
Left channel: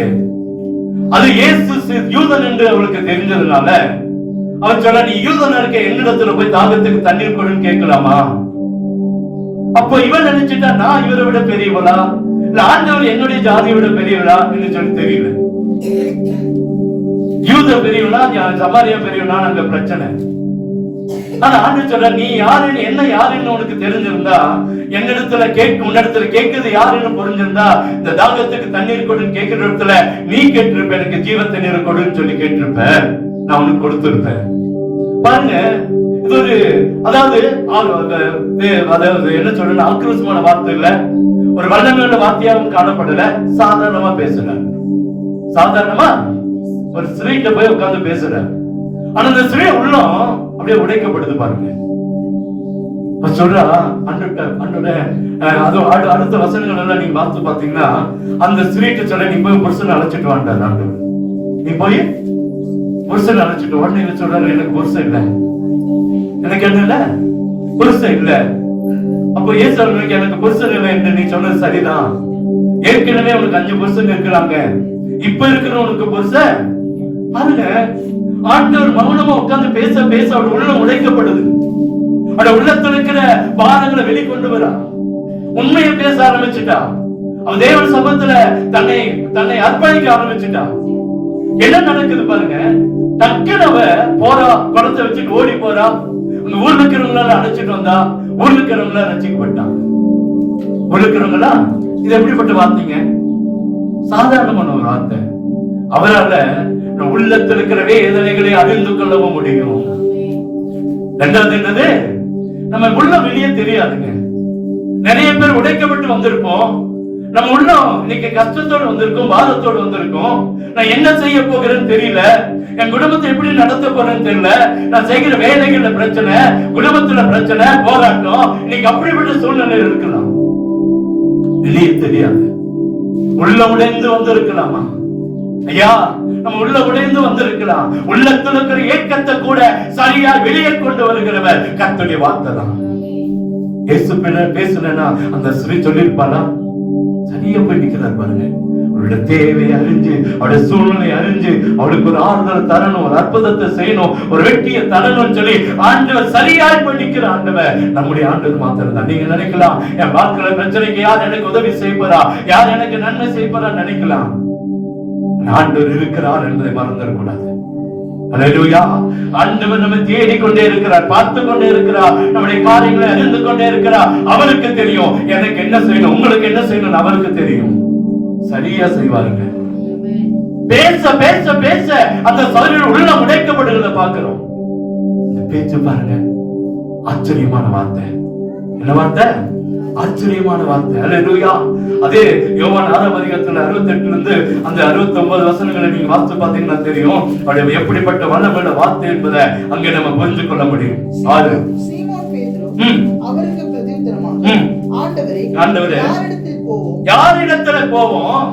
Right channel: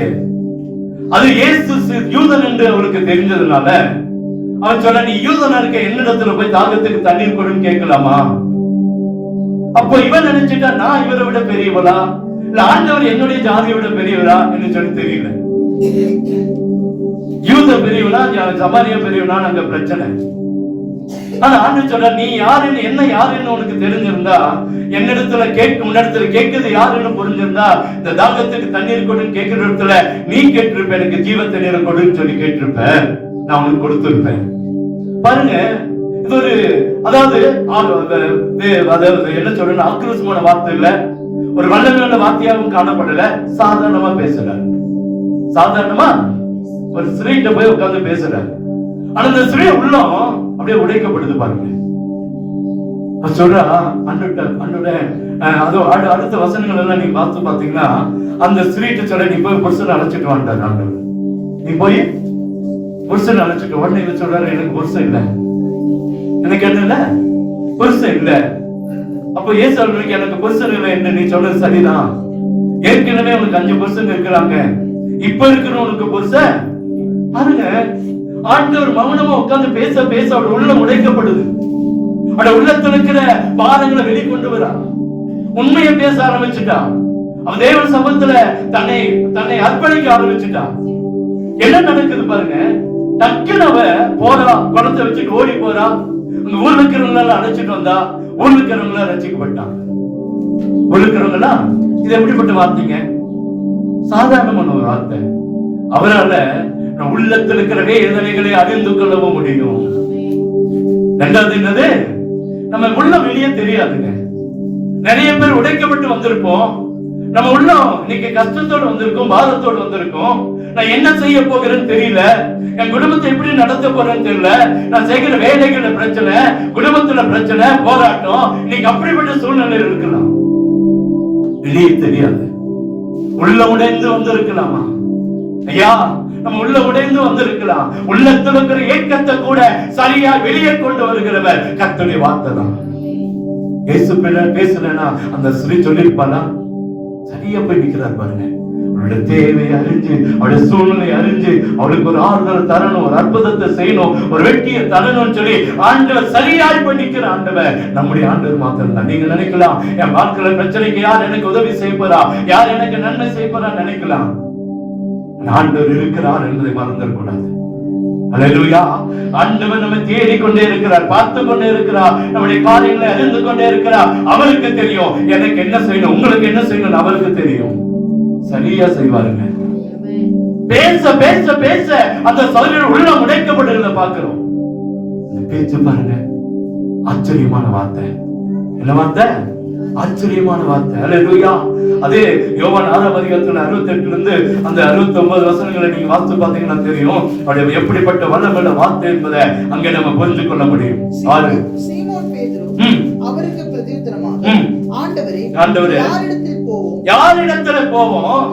அது இயேசு யூதன் என்று அவளுக்கு தெரிஞ்சதுனால அவன் சொன்னா, நீ யூதனா இருக்க, என்னிடத்துல போய் தாகத்துக்கு தண்ணீர் கொடுன்னு கேட்கலாமா? அப்போ இவன் நினைச்சிட்டா, நான் இவரை விட பெரியவளா, இல்ல ஆண்டவர் என்னுடைய ஜாதியை விட பெரியவளா என்று சொல்லி தெரியல. யூத பெரியவளா, சமாரியா பெரியவளா, அங்க பிரச்சனை. ஆனா ஆண்டவர் சொல்ற, நீ யாருன்னு, என்ன யாருன்னு உனக்கு தெரிஞ்சிருந்தா, என்னிடத்துல உன்னிடத்துல கேட்கிறது யாருன்னு புரிஞ்சிருந்தா, இந்த தாகத்துக்கு தண்ணீர் கொடுன்னு கேட்கிற இடத்துல நீ கேட்டிருப்ப, எனக்கு ஜீவ தண்ணீர் கொடுன்னு சொல்லி கேட்டிருப்ப, நான் உனக்கு கொடுத்திருப்பேன். பாருங்க, இது ஒரு அதாவது என்ன சொல்ற, ஆக்ரோஷமான வார்த்தை இல்ல, ஒரு வல்லமையான வார்த்தையாவும் காணப்படல. சாதாரணமா பேசுற, சாதாரணமா ஒரு ஸ்திரீட்ட போய் உட்கார்ந்து பேசுற. ஆனா அந்த ஸ்திரீ உள்ளம் அப்படியே உடைக்கப்படுது பாருங்க. சொல்றா, அடுத்த வசனங்கள் எல்லாம் நீங்க பார்த்து பாத்தீங்கன்னா, அந்த ஸ்திரீட்ட சொல்ல, நீ போய் புருஷனை அழைச்சிட்டு வாண்டாரு ஆண்டவர், நீ போய் புருஷன் அழைச்சிட்டு. உடனே சொல்றாரு, எனக்கு புருஷன் இல்ல, எனக்கு என்ன இல்ல, புருஷன் இல்ல. அப்ப இயேசு எனக்கு புருஷன் இல்லை என்று நீ சொன்னது சரிதான். ஏற்கனவே உனக்கு 5 புருஷன் இருக்கிறாங்க, இப்ப இருக்கிற உனக்கு புருஷன். பாருங்க, ஆண்டவர் மௌனமா உட்கார்ந்து பேச பேச அவள் உள்ளம் உடைக்கப்படுது. அவட உள்ளத்துல இருக்கிற பாரங்களை வெளிக்கொண்டு வரா, உண்மையை பேச ஆரம்பிச்சுட்டா. அவன் தேவன் சபத்துல தன்னை அர்ப்பணிக்க ஆரம்பிச்சுட்டா. என்ன நடக்குது பாருங்க, டக்குனு அவ போறா, குளத்தை வச்சுட்டு ஓடி போறா. ஊர்ல இருக்கிறவங்களால அழைச்சிட்டு வந்தா, ஊர்ல இருக்கிறவங்கள ரசிக்கப்பட்டான். ஊர்ல இருக்கிறவங்களா, இது எப்படிப்பட்ட வார்த்தைங்க? சாதாரணமான ஒரு வார்த்தை. அவரால உள்ளத்தில் இருக்கிற வேதனைகளை அறிந்து கொள்ளவும் முடியும். ரெண்டாவது என்னது, நம்ம உள்ள வெளியே தெரியாதுங்க. நிறைய பேர் உடைக்கப்பட்டு வந்திருப்போம். நம்ம உள்ளம் இன்னைக்கு கஷ்டத்தோடு வந்திருக்கோம், பாரத்தோடு வந்திருக்கோம். நான் என்ன செய்ய போகிறேன்னு தெரியல, என் குடும்பத்தை எப்படி நடத்த போறேன்னு தெரியல, நான் செய்கிற வேலைகள்ல பிரச்சனை, குடும்பத்துல பிரச்சனை, போராட்டம். இன்னைக்கு அப்படிப்பட்ட சூழ்நிலை இருக்கலாம். வெளியே தெரியாது. உள்ள உடைந்து வந்திருக்கலாமா? ஐயா, நம்ம உள்ள உடைந்து வந்திருக்கலாம். உள்ளத்துல இருக்கிற ஏக்கத்தை கூட சரியா வெளியே கொண்டு வருகிறவர் கர்த்தருடைய வார்த்தை தான். இயேசு பேசுனா அந்த ஸ்ரீ சொல்லிருப்பாளா? சரியா போய் நிக்கிறார் பாருங்க. அவளுடைய தேவையை அறிஞ்சு, அவளுடைய சூழ்நிலை அறிஞ்சு, அவளுக்கு ஒரு ஆறுதல் தரணும், ஒரு அற்புதத்தை செய்யணும், ஒரு வெற்றியை தரணும்னு சொல்லி ஆண்டவர் சரியாய் போய் நிக்கிற ஆண்டவர் நம்முடைய ஆண்டவர் மாத்திரம் தான். நீங்க நினைக்கலாம், என் வாழ்க்கையில பிரச்சனைக்கு யார் எனக்கு உதவி செய்யப்போறா, யார் எனக்கு நன்மை செய்யப்போறா நினைக்கலாம். ஆண்டவர் இருக்கிறார் என்பதை மறந்துடக்கூடாது. அல்லேலூயா. ஆண்டவர் நம்ம தேடிக்கொண்டே இருக்கிறார், பார்த்து கொண்டே இருக்கிறார், நம்முடைய காரியங்களை அறிந்து கொண்டே இருக்கிறார். அவருக்கு தெரியும் எனக்கு என்ன செய்யணும், உங்களுக்கு என்ன செய்யணும் அவருக்கு தெரியும். சரியா செய்வாருங்க. பேச பேச பேச அந்த சபையில் உள்ள உடைக்கப்படுகிறத பார்க்கிறோம். இந்த பேச்சு பாருங்க, ஆச்சரியமான வார்த்தை. என்ன வார்த்தை? ஆச்சரியமான வார்த்தை. அல்லேலூயா. அதே யோவான் 6ஆம் அதிகாரத்துல 68 இருந்து அந்த 69 வசனங்களை நீங்க வாசித்து பார்த்தீங்கன்னா தெரியும் அது எப்படிப்பட்ட வல்லமையுள்ள வார்த்தை என்பதை அங்கே நம்ம புரிந்து கொள்ள முடியும். சீமோன் பேதுரு அவருக்கு பிரதியுத்தரமாக, ஆண்டவரே, யாரிடத்தில் போவோம்?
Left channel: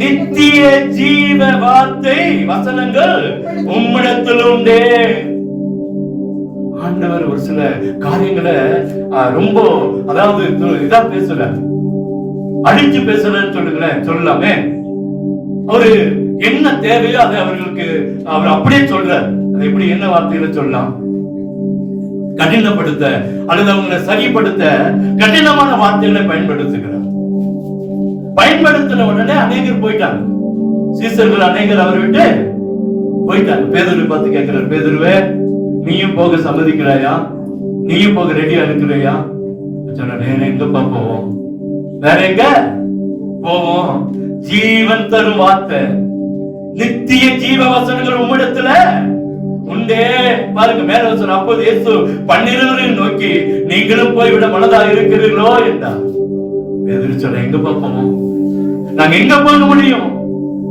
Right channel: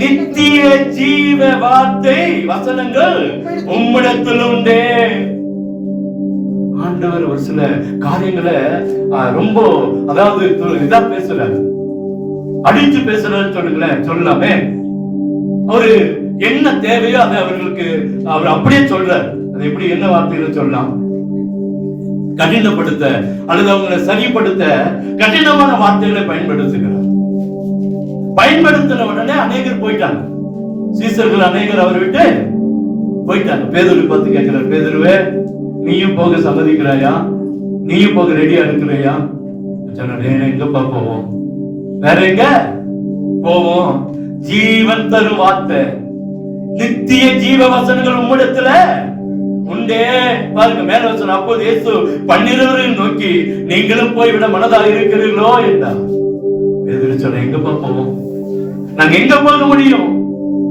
நித்திய ஜீவ வார்த்தை வசனங்கள் உம்மிடத்தில் உண்டே. ஆண்டவர் ஒரு சில காரியங்களை ரொம்ப அதாவது இதா பேசுறாரு, அடிச்சு பேசுறேன்னு சொல்லலாமே. அவரு என்ன தேவையோ அதை அவர்களுக்கு அவர் அப்படியே சொல்றார். அது எப்படி, என்ன வார்த்தையில சொல்லலாம்? கடினப்படுத்த அல்லது அவங்களை சரிப்படுத்த கடினமான வார்த்தைகளை பயன்படுத்துகிறார். பயன்படுத்தின உடனே அநேகர் போயிட்டாங்க. சீசர்கள் அநேகர் அவர் விட்டு போயிட்டாங்க. பேதுரு பார்த்து கேட்கிறார், பேதுருவே, நீயும் போக சம்மதிக்கிறாயா? நீயும் போக ரெடியா இருக்கிறையா? வேற எங்கப்பா போவோம்? வேற எங்க போவோம்? ஜீவன் தரும் வார்த்தை, நித்திய ஜீவ வசனங்கள் உம்மிடத்துல உண்டே. பாருங்க மேல வசனம், அப்போது இயேசு 12 நோக்கி, நீங்களும் போய்விட மனதா இருக்கிறீர்களோ என்றார். பேதுரு சொல்ற, எங்கப்பா போவோம்? நாங்க எங்க போக முடியும்?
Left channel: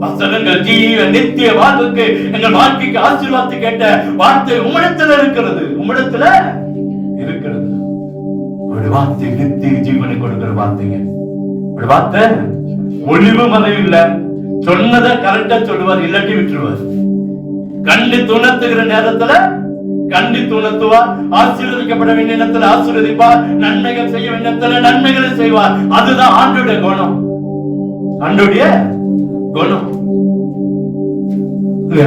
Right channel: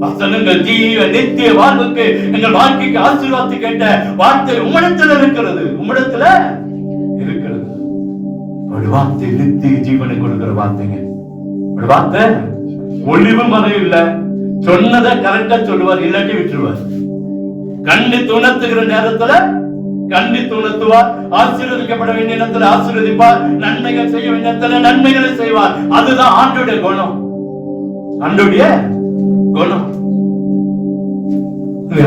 வசனங்கள் ஜீவ நித்திய வாழ்வுக்கு, எங்கள் வாழ்க்கைக்கு ஆசீர்வாதத்தை கேட்ட வார்த்தை உம்மிடத்துல இருக்கிறது, உம்மிடத்துல இருக்கிறது. ஒரு வார்த்தை நித்திய ஜீவனை கொடுக்கிற வார்த்தைங்க. ஒரு வார்த்தை ஒளிவு மறைவு இல்ல, சொன்னதை கரெக்டா சொல்லுவார், இல்லாட்டி விட்டுருவார். கண்டித்து உணர்த்துகிற நேரத்துல கண்டித்து உணர்த்துவார், ஆசீர்வதிக்கப்பட வேண்டிய நேரத்தில் ஆசீர்வதிப்பார், நன்மைகள் செய்ய வேண்டிய நேரத்தில் நன்மைகளை செய்வார். அதுதான் ஆண்டோடைய குணம், ஆண்டோடைய குணம்.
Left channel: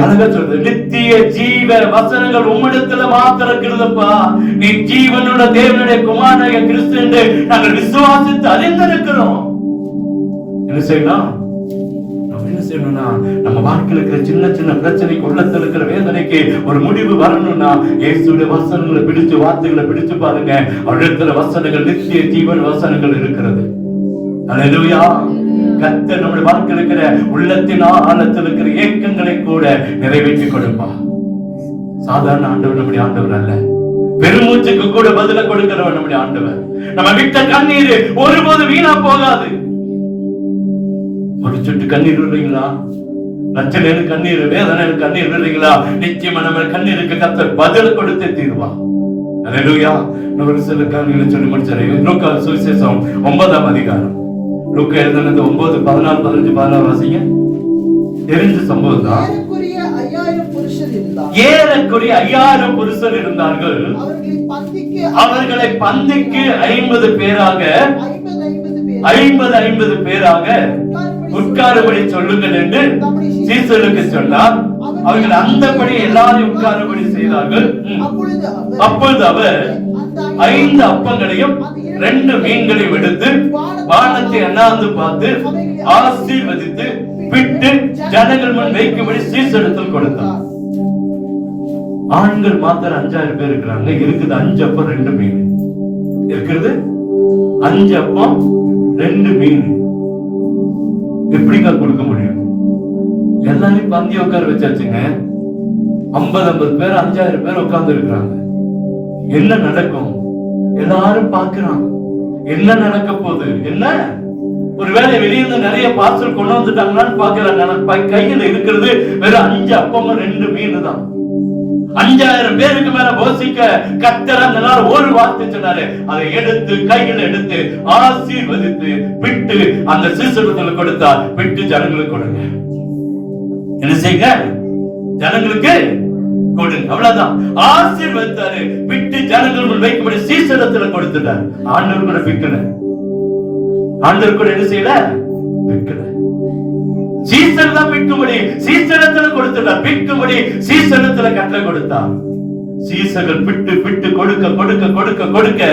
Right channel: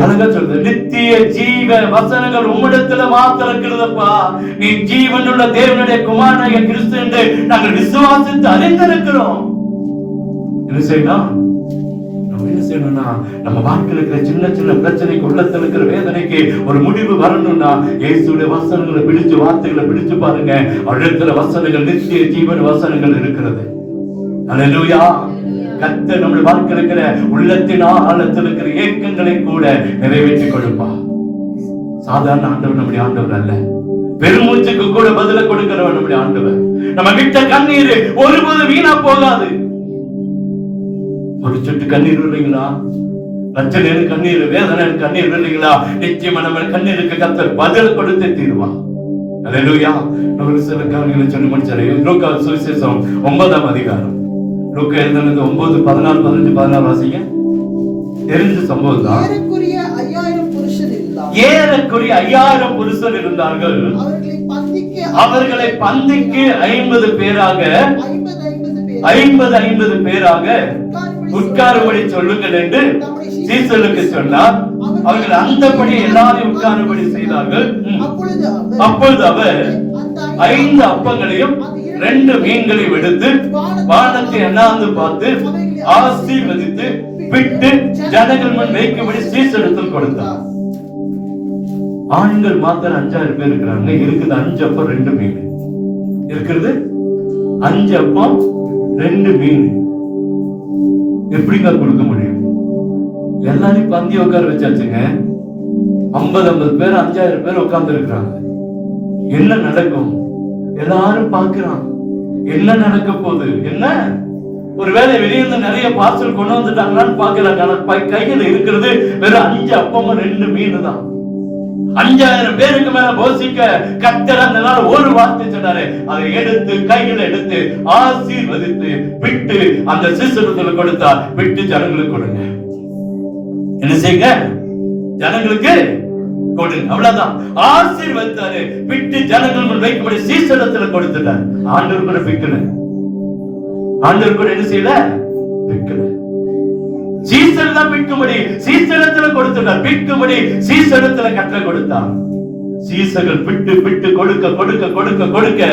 அழகா சொல்றது, நித்திய ஜீவ வசனங்கள் உம்மிடத்துல மாத்திரம் இருக்கிறதப்பா. நீ ஜீவனுள்ள தேவனுடைய குமாரனாகிய கிறிஸ்து என்று நாங்கள் விசுவாசித்து அறிந்திருக்கிறோம். என்ன செய்யணும்? நம்ம என்ன செய்யணும்னா, நம்ம வாழ்க்கையில் இருக்கிற சின்ன சின்ன பிரச்சனைக்கு, உள்ளத்தில் இருக்கிற வேதனைக்கு ஒரு முடிவு வரணும்னா இயேசுடைய வசனங்களை பிடிச்சு, வார்த்தைகளை பிடிச்சு பாருங்க. அழுகிற வசனங்கள் நித்திய ஜீவன் வசனங்கள் இருக்கிறது. அல்லேலூயா. கர்த்தர் நம்முடைய வாழ்க்கையில் இருக்கிற உள்ளத்தின் ஆழத்தில் இருக்கிற ஏக்கங்களை கூட நிறைவேற்றி கொடுப்பா. சாதாரண ஆண்டவர் நம்முடைய ஆண்டவர் அல்ல, பெருமூச்சுக்கு கூட பதில கொடுக்கிறவர் நம்முடைய ஆண்டவர். நம்ம விட்ட கண்ணீர் ஒருபோது வீணா போகாது. ஒரு சொட்டு கண்ணீர் இல்லைங்களா? லட்சணம் கண்ணீர், வேதனை கண்ணீர் இல்லைங்களா? நிச்சயமா நம்ம கண்ணீருக்கு கர்த்தர் பதில் கொடுத்தே தீர்வா. அல்லேலூயா. நம்ம சில காரியங்களை சொல்லி முடிச்சாரு. லூக்கா சுவிசேஷம் 9ஆம் அதிகாரம், லூக்கா எழுதினது 9, 14, 15, 16 வாசிங்க. தெரிஞ்ச சம்பவம் தான். ஏறக்குறைய 5000 புருஷர் இருந்தார்கள். அவர்களை பந்திக்கு 50 பேராக 50 பேராக உட்காரும்படி சொல்லுங்கள் என்று சீசர்களுக்கு சொன்னார். அவர்கள் அந்தபடி எல்லாரும் உட்காரும்படி செய்தார்கள். அப்பொழுது அவர் 5 அப்பங்களையும் 2 மீன்களையும் எடுத்து வானத்தை அண்ணாந்து பார்த்து ஆசீர்வதித்து பிட்டு ஜனங்கள் முன் வைக்கும்படி சீசரிடத்தில் கொடுத்தார். ஆண்கள் மாத்திரம் 5000 பேர் இருக்கிறாங்க. இருக்குது 5 அப்பம் 2 மீன் இருக்கிறது. 5 அப்பம் 2 மீன் எப்படிங்க கொடுக்க முடியும்? எல்லாரையும் பந்தி உட்கார வச்சாச்சுங்க. 50 பேர் 5000 பேர் உட்கார்ந்து இருக்கிறாங்க. என்ன நடக்கும்? எல்லாரும் பார்க்கிறான், என்ன நடக்க போகுது? என்ன ஒருவேளை வெளியிருந்து நிறைய பார்சல் கொண்டு வந்துட்டாங்களான்னு பாக்குறாங்க. கையில இருக்கிறது வெறும் 5 அப்பமும் 2 மீன் தான். 5000 பேருக்கு மேல போசிக்க கர்த்தர் அந்த நாள் ஒரு வார்த்தை சொன்னாரு. அதை எடுத்து கையில எடுத்து ஆசீர்வதித்து விட்டு அந்த சீசர்களுக்கு கொடுத்தா, விட்டு ஜனங்களுக்கு கொடுங்க. என்ன செய்யுங்க? ஜனங்களுக்கு கொடுங்க. அவ்வளவுதான். ஆசீர்வதித்தாரு, விட்டு ஜனங்கள் வைக்கும்படி சீசனத்துல கொடுத்துட்டார். ஆண்டவர் கூட பிக்கல. ஆண்டவர் கூட என்ன செய்யல? பிக்கல. சீசன் தான் பிக்கும்படி சீசனத்துல கொடுத்துட்டார். பிக்கும்படி சீசனத்துல கட்டளை கொடுத்தார். சீசர்கள் பிட்டு பிட்டு கொடுக்க கொடுக்க கொடுக்க கொடுக்க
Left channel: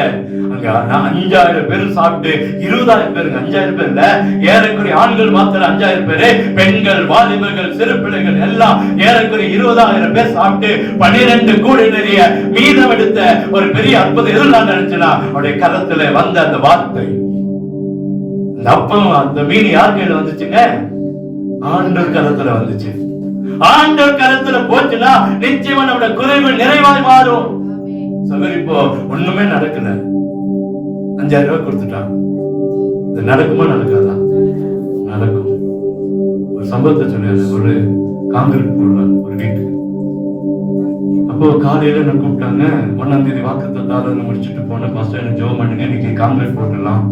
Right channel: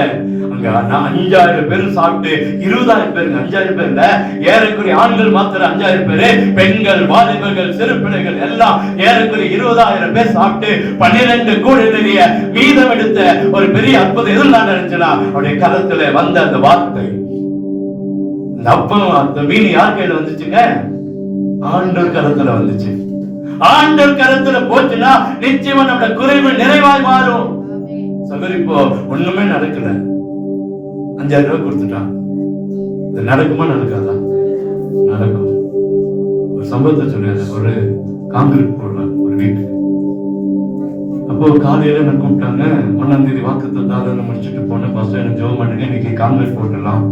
அங்க 5000 பேர் சாப்பிட்டு 20000 பேர், 5000 பேர்ல ஏறக்குறைய ஆண்கள் மாத்திரம் 5000 பேரு, பெண்கள், வாலிபர்கள், சிறு பிள்ளைகள் எல்லாம் ஏறக்குறைய 20000 பேர் சாப்பிட்டு 12 கூடை நிறைய மீதம் எடுத்த ஒரு பெரிய அற்புதம் எதிர்லாம் நினைச்சா அவருடைய கரத்துல வந்த அந்த வார்த்தை, இந்த அப்பம் அந்த மீன் யார் கையில வந்துச்சுங்க? ஆண்டவர் கரத்துல வந்துச்சு. ஆண்டவர் கரத்துல போச்சுன்னா நிச்சயமா நம்முடைய குறைவு நிறைவாய் மாறும். சகோதரி, இப்போ ஒண்ணுமே நடக்கல, 5000 ரூபாய் கொடுத்துட்டான். இது நடக்குமா நடக்காதா? நடக்கும். ஒரு சம்பவத்தை சொல்லியாரு. ஒரு காங்கிரீட் போடலாம் ஒரு வீட்டுக்கு. அப்போ காலையில என்ன கூப்பிட்டாங்க, 1ஆம் தேதி வாக்குத்தத்தம் முடிச்சுட்டு போனேன். ஃபர்ஸ்ட் எனக்கு ஜெபம் பண்ணுங்க, இன்னைக்கு காங்கிரீட் போடலாம்.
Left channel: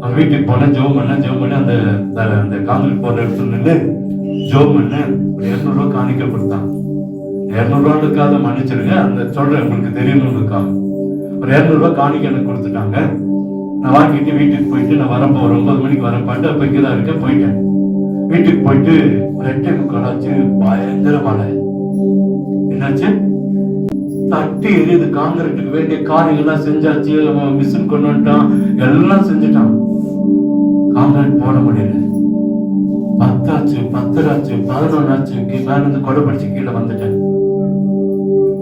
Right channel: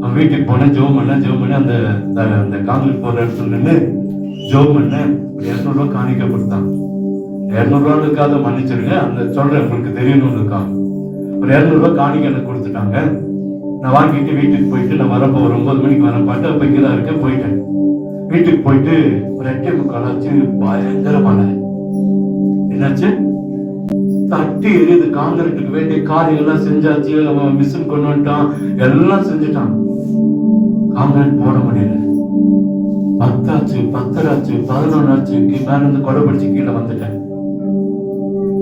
அவன் வீட்டுக்கு போனேன், ஜெபம் பண்ண அந்த காங்கிரீட் போடுற இடத்துல நின்று ஜெபம் பண்ண. ஒரு 200 ரூபாய் காணிக்க கொடுத்தான். 200 ரூபாய்க்காக மன்னிச்சிருங்க, அந்த சொல்றேன் உங்களுக்கு தெரியணும்னுக்காக. ஒரு 200 ரூபாய் காணிக்க எனக்கு கொடுத்துட்டாங்க. நான் வாங்கிட்டு வீட்டுக்கு போயிட்டு நான் வரப்போ ஒரு 9 மணிக்கு வரப்பாட்டு அப்ப இங்கதான் இருக்க போயிட்டேன். வீட்டுக்கு போயிட்டு 2:45 ஆச்சு. பயங்கர மழை. என்னாச்சு? தட்டி எரியுது. காங்கிரீட்டுக்கு வேண்டிய காரியெல்லாம் செஞ்சாச்சு. மிஷின் கொண்டு வந்துட்டான், எல்லாம் செஞ்சுட்டான். காங்கிரீட் போட முடியல. 10 ஆச்சு, 10 ஆச்சு, 11 ஆச்சு. மேல இருந்து கொடை பிடிச்சு கீழே வந்துட்டேன்.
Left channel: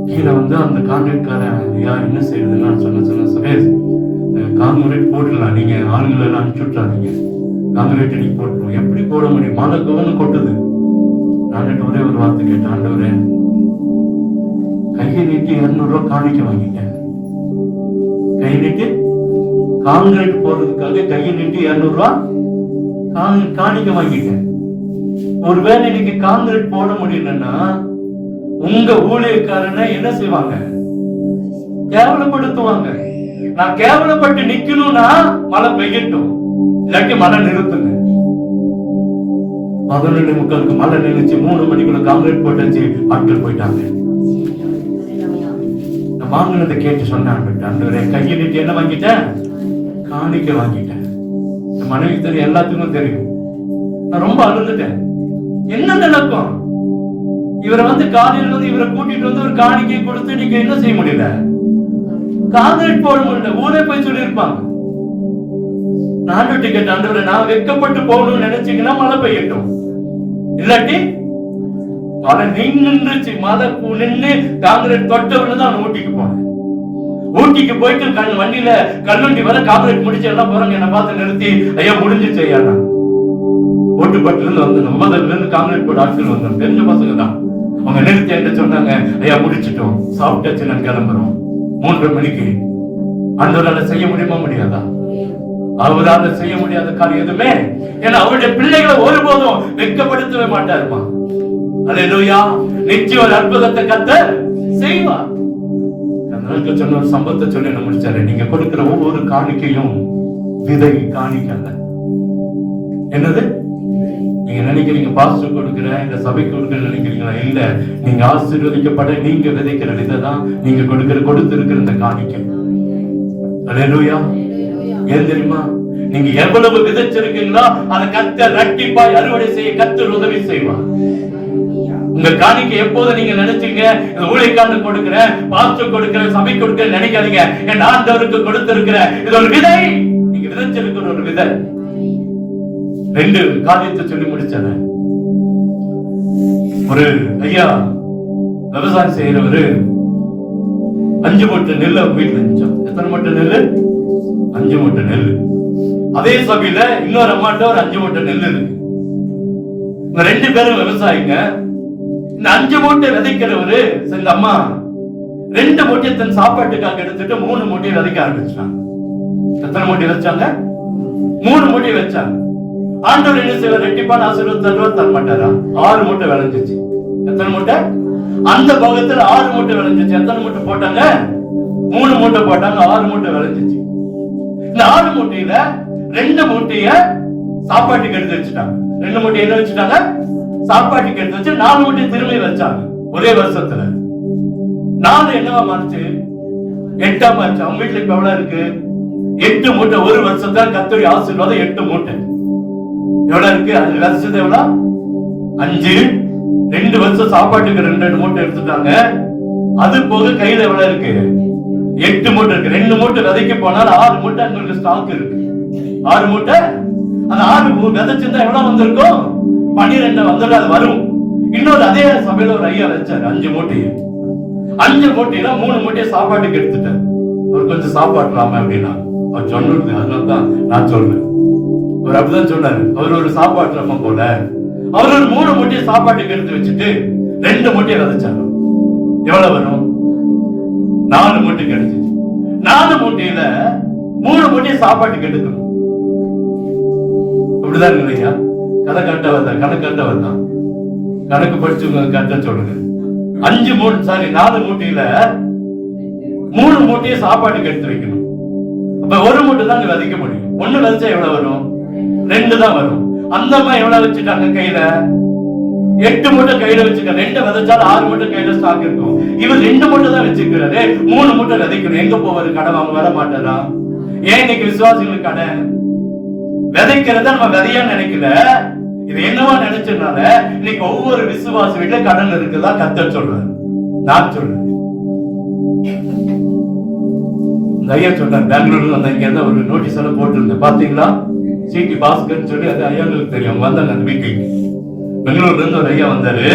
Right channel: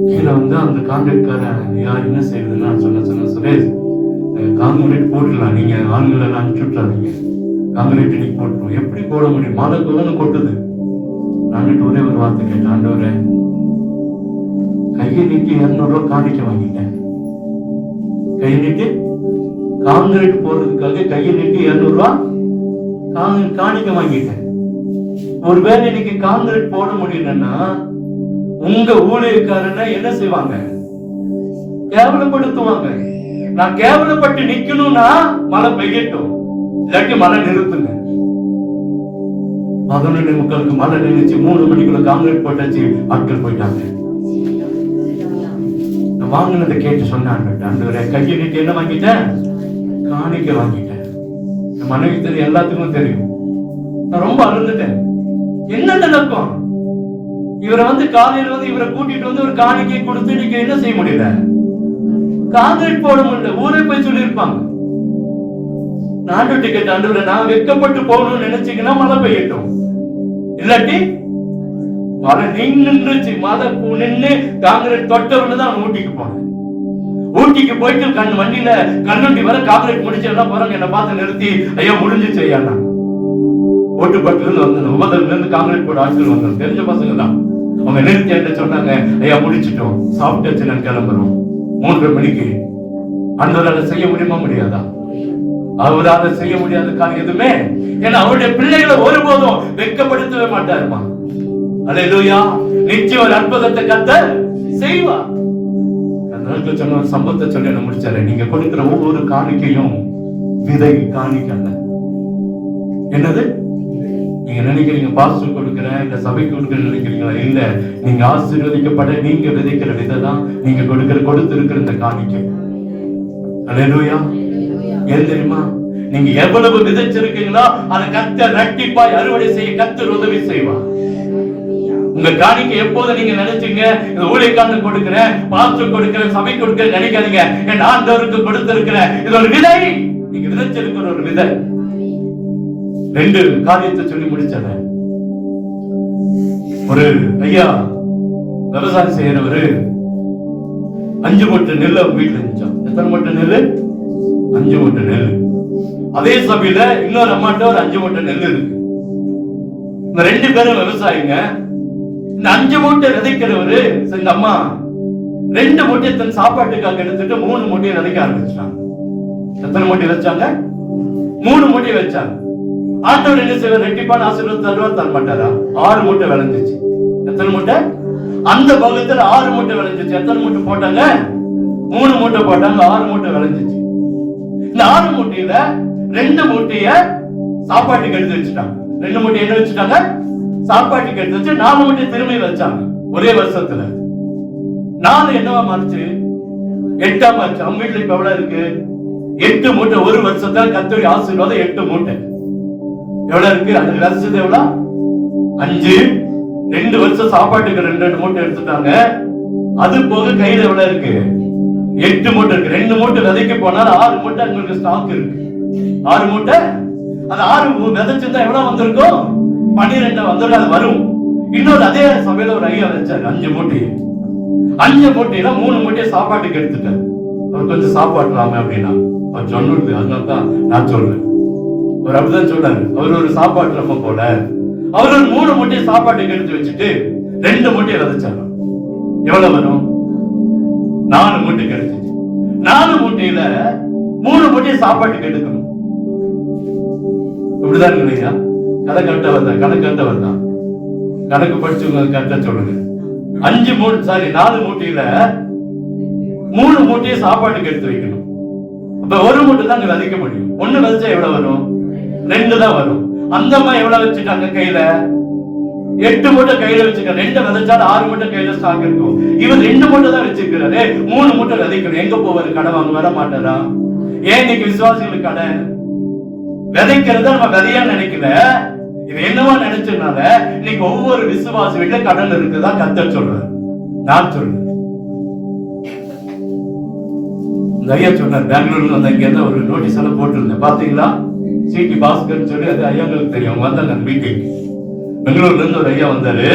கீழே வந்து அந்த காங்கிரீட்காரன், ஐயா என்ன செய்யுதுன்னு நான் சொன்ன சுரேஷ், காங்கிரீட் போட்டுடலாம், நீங்க ஆண்கள் எல்லாம் அனுப்பிச்சு விட்டுறாதீங்க, காங்கிரீட் நீங்க போட்டுருவோம். எப்படி போட முடியும்? மழை கவனம் கொட்டுது. நான் ஒரே ஒரு வார்த்தை கேட்டேன், ஆண்டவரே கையை நீட்டி 200 ரூபாய் காணிக்க வாங்கிட்டேன். கை நீட்டி காங்கிரீட் போறதுக்காக கையை நீட்டி 200 ரூபாய் காணிக்க வாங்கிட்டேன். ஒருவேளை இன்னைக்கு காங்கிரீட் போட முடியலன்னா உங்க ஊழியக்காரனை என்ன செய்வாங்க? கேவலப்படுத்துவாங்க. நான் கேவலப்பட்டு நிக்கணும்னா மழை பெய்யட்டும், இல்லாட்டி மழை நிறுத்துங்க. 11:45 மழை நின்றுச்சு. 3 மணிக்குள்ள காங்கிரீட் போட்டாச்சு. ஆட்கள் போயிட்டாங்க. நான் வாங்கினதை கேட்டு சொன்னேன், ஆண்டவரே கையை நீட்டி என்ன வாங்கிட்டேன்? காணிக்க வாங்கிட்டேன். மனைவி தெரியும், எல்லாத்துக்கும் தெரியும். நான் ரொம்ப அழுதுட்டேன். என்ன நடக்கும்? இவரை காலையில் இவரை கூட்டிட்டு ஒரு காணிக்கை கொடுத்து நீங்க என்ன செய்ய முடியல? காங்கிரீட் போட முடியல. ஊரே போய் சொல்லியிருப்பாங்க. நாட்டு டிக்கெட் ஆண்டவரை நான் வெக்கப்பட்டு போகணும்னு நினைச்சீங்கன்னா மழை பெய்யட்டும், இல்லாட்டி மழை நின்றுச்சு. மழை நின்று காங்கிரீட் தொட்டவன்னு தான் ஊட்டிக்கு போனேன். ஊட்டிக்கு போயிட்டு வண்டியில கல்வண்டி வர காங்கிரீட் முடிச்சு எல்லாம் போறாங்க. என்ன பார்த்து நிறுத்தி, ஐயா முடிஞ்சிச்சு ஐயா. நான் ஓட்டுப்பட்டு வந்து 9ல இருந்து காங்கிரீட் போட ஆட்கள் வந்தாங்க, தெரிஞ்ச பசங்க தான். அவங்க நிறுத்தி என்ன சொன்னாங்க, ஐயா முடிச்சிட்டோம், சாப்பிட்டாச்சு, நான் கிளம்புறோம். 3 மணிக்கு. ஆண்டவரால செய்ய முடியுமா? முடியாதா? அவரால செய்ய முடியாத காரியம் எதுவுமே. ஏன்னா அவருடைய பிள்ளைகளை ஒருபோதும் வெட்கப்படுத்தவே மாட்டாருமா. அல்லேலூயா. நிச்சயம் அற்புதத்தை கர்த்தர் செய்வார். சொன்ன ஒரு சம்பவத்தை சொல்லி நான் முடிச்சாரு. நீங்க கொடுக்கிற ஒவ்வொரு காணிக்கையும் விதை காணிக்க. என்னது? நீங்க நினைக்கிறீங்க பாஸ்டர் கொடுக்கிறேன், இந்த சபை கொடுக்கிறேன் நினைக்கிறீங்களா? இல்ல, நீங்க ஆசீர்வதிக்கப்பட நீங்க விதைக்கிற விதை தான் நீங்க கொடுத்திருக்கிற இந்த காணிக்கை. அல்லேலூயா. ஏன் தெரியுமா? நீங்க எவ்வளவு விதைச்சிருக்கீங்களோ அதை கர்த்தர் இரட்டிப்பாய் அறுவடை செய்ய கர்த்தர் உதவி செய்வார். உங்க காணிக்கை எப்போது நீங்க நினைச்சீங்க இந்த ஊழியக்காரனுக்கு கொடுக்கிறேன், பாஸ்டர் கொடுக்கிறேன், சபை கொடுக்கிறேன் நினைக்காதீங்க. என் ஆண்டவருக்கு கொடுத்திருக்கிற இது ஒரு விதை. நீங்க விதைச்சிருக்கிற ஒரு விதை. 2 காரியத்தை சொல்லி முடிச்சத. ஒரு ஐயா விவசாயம் செய்யறவரு 5 மூட்டை நெல் வீட்டுல இருந்துச்சோம். எத்தனை மூட்டை நெல்? 5 மூட்டை நெல். அதே சபையில இன்னொரு அம்மாட்ட ஒரு 5 மூட்டை நெல் இருக்கு. இந்த 2 பேரும் விவசாயிங்க. இந்த 5 மூட்டை விதைக்கிறவரு இந்த அம்மா 2 மூட்டை தன் சாப்பாட்டுக்காக எடுத்துட்டு 3 மூட்டையை விதைக்க ஆரம்பிச்சாங்க. எத்தனை மூட்டை வச்சாங்க? 3 மூட்டை வச்சாங்க. ஆண்டவர் என்ன செய்வார்? ரெட்டிப்பான ஆசீர்வாதம் தர மாட்டாரா? 6 மூட்டை விளைஞ்சிச்சு. எத்தனை மூட்டை? அந்த பாகத்துல 6 மூட்டை விளைஞ்சிச்சு. எத்தனை மூட்டை போட்டாங்க? 3 மூட்டை போட்டாங்க. 6 மூட்டை விளைஞ்சிச்சு. இந்த 6 மூட்டையில 2 மூட்டைய சாப்பாட்டுக்கு எடுத்து வச்சுட்டாங்க. 2 மூட்டை என்ன வச்சுட்டாங்க? சாப்பாட்டுக்கு எடுத்து வச்சு 4 மூட்டை திரும்பி வச்சாங்க. ஒரே வருஷத்துல 4 என்னவா மாறிச்சு? 8ஆ மாறிச்சு. அவங்க வீட்டுல இப்ப எவ்வளவு இருக்கு? 8 மூட்டை. ஒரு வருஷத்துல கர்த்தருடைய ஆசீர்வாதம் 8 மூட்டை. எவ்வளவு இருக்கு? அது வருஷத்து எவ்வளவு? 5. 2 வருஷம் சாப்பாட்டுக்கு 2 மூட்டை எடுத்துட்டாங்க. அது போக கையில எவ்வளவு இருக்கு? 8 மூட்டை இருக்கு. 2 மூட்டை விதைக்க போனால் 6 மூட்டை உங்களுக்கு ஸ்டாக் இருக்கு. 6 மூட்டை. அந்த 6 விதைச்சிருந்தா எவ்வளவு வந்திருக்கும்? 12 வந்துடும். அது வரும். இன்னொரு அதே சபையில ஒரு ஐயா வச்சாரு 5 மூட்டையை. 5 மூட்டையில 3 மூட்டையை சாப்பாட்டுக்கு எடுத்துட்டார். அவர் கொஞ்சம் சாப்பாட்டுலாமா அப்படின்னா அவர் சொன்னது. அதனால்தான் நான் சொல்றேன். அவர் அப்படிதான் சொல்றாரு. அவர் ஒரு சாப்பாட்டுலாம போல அவர் ஒரு 3 மூட்டையை சாப்பாட்டுக்கு எடுத்து வச்சுட்டு 2 மூட்டையை விதைச்சாரு. எவ்வளவு வரும்? 4 மூட்டை கிடைச்சிச்சு. 4 மூட்டையில 3 மூட்டையை சாப்பாட்டுக்கு எடுக்கணும். அப்படிதான் இல்லையா? கதை கட்ட வந்தா கணக்கு கட்ட வந்தான். கணக்கு படிச்சு கட்ட சொல்லுங்க. 4 மூட்டையில 3 மூட்டையை சாப்பாட்டுக்கு எடுத்து வைக்கணும். அப்ப 1 மூட்டை தான் விதைக்க முடியும். 1 விதைச்சா எவ்வளவு வரும்? 2 தான் வரும். அந்த மாதிரி எவ்வளவு வச்சுட்டாங்க கையில? 8 மூட்டை கையில வச்சுக்க. 2 விதைச்சா 6 மூட்டை கையில ஸ்டாக் இருக்கும். இவர் 2 மூட்டை தான் வச்சுக்கிறாரு. 3 மூட்டை விதைக்கணும். எங்க போவாரு? கடன் வாங்க வர மாட்டாரா? ஏன் இன்னைக்கு விசுவாசிகளுக்கு கடன்? விதைக்கிறத நம்ம விதையா நினைக்கல. இது என்னவா நினைச்சதுனால இன்னைக்கு ஒவ்வொரு விசுவாசி வீட்டுல கடன் இருக்குதா கர்த்தர் சொல்றாரு. நான் சொல்றேன். இந்த ஐயா சொன்னார் பெங்களூர்ல அந்த இங்க ஒரு நோட்டீஸ் எல்லாம் போட்டிருந்தேன். பாத்தீங்களா? சிடி பாஸ்கர் சொல்லி அது ஐயாங்களுக்கு தெரியும். அவங்க வந்தாங்க அந்த வீட்டுக்கு. பெங்களூர்ல இருந்து ஒரு ஐயா வந்தாரு.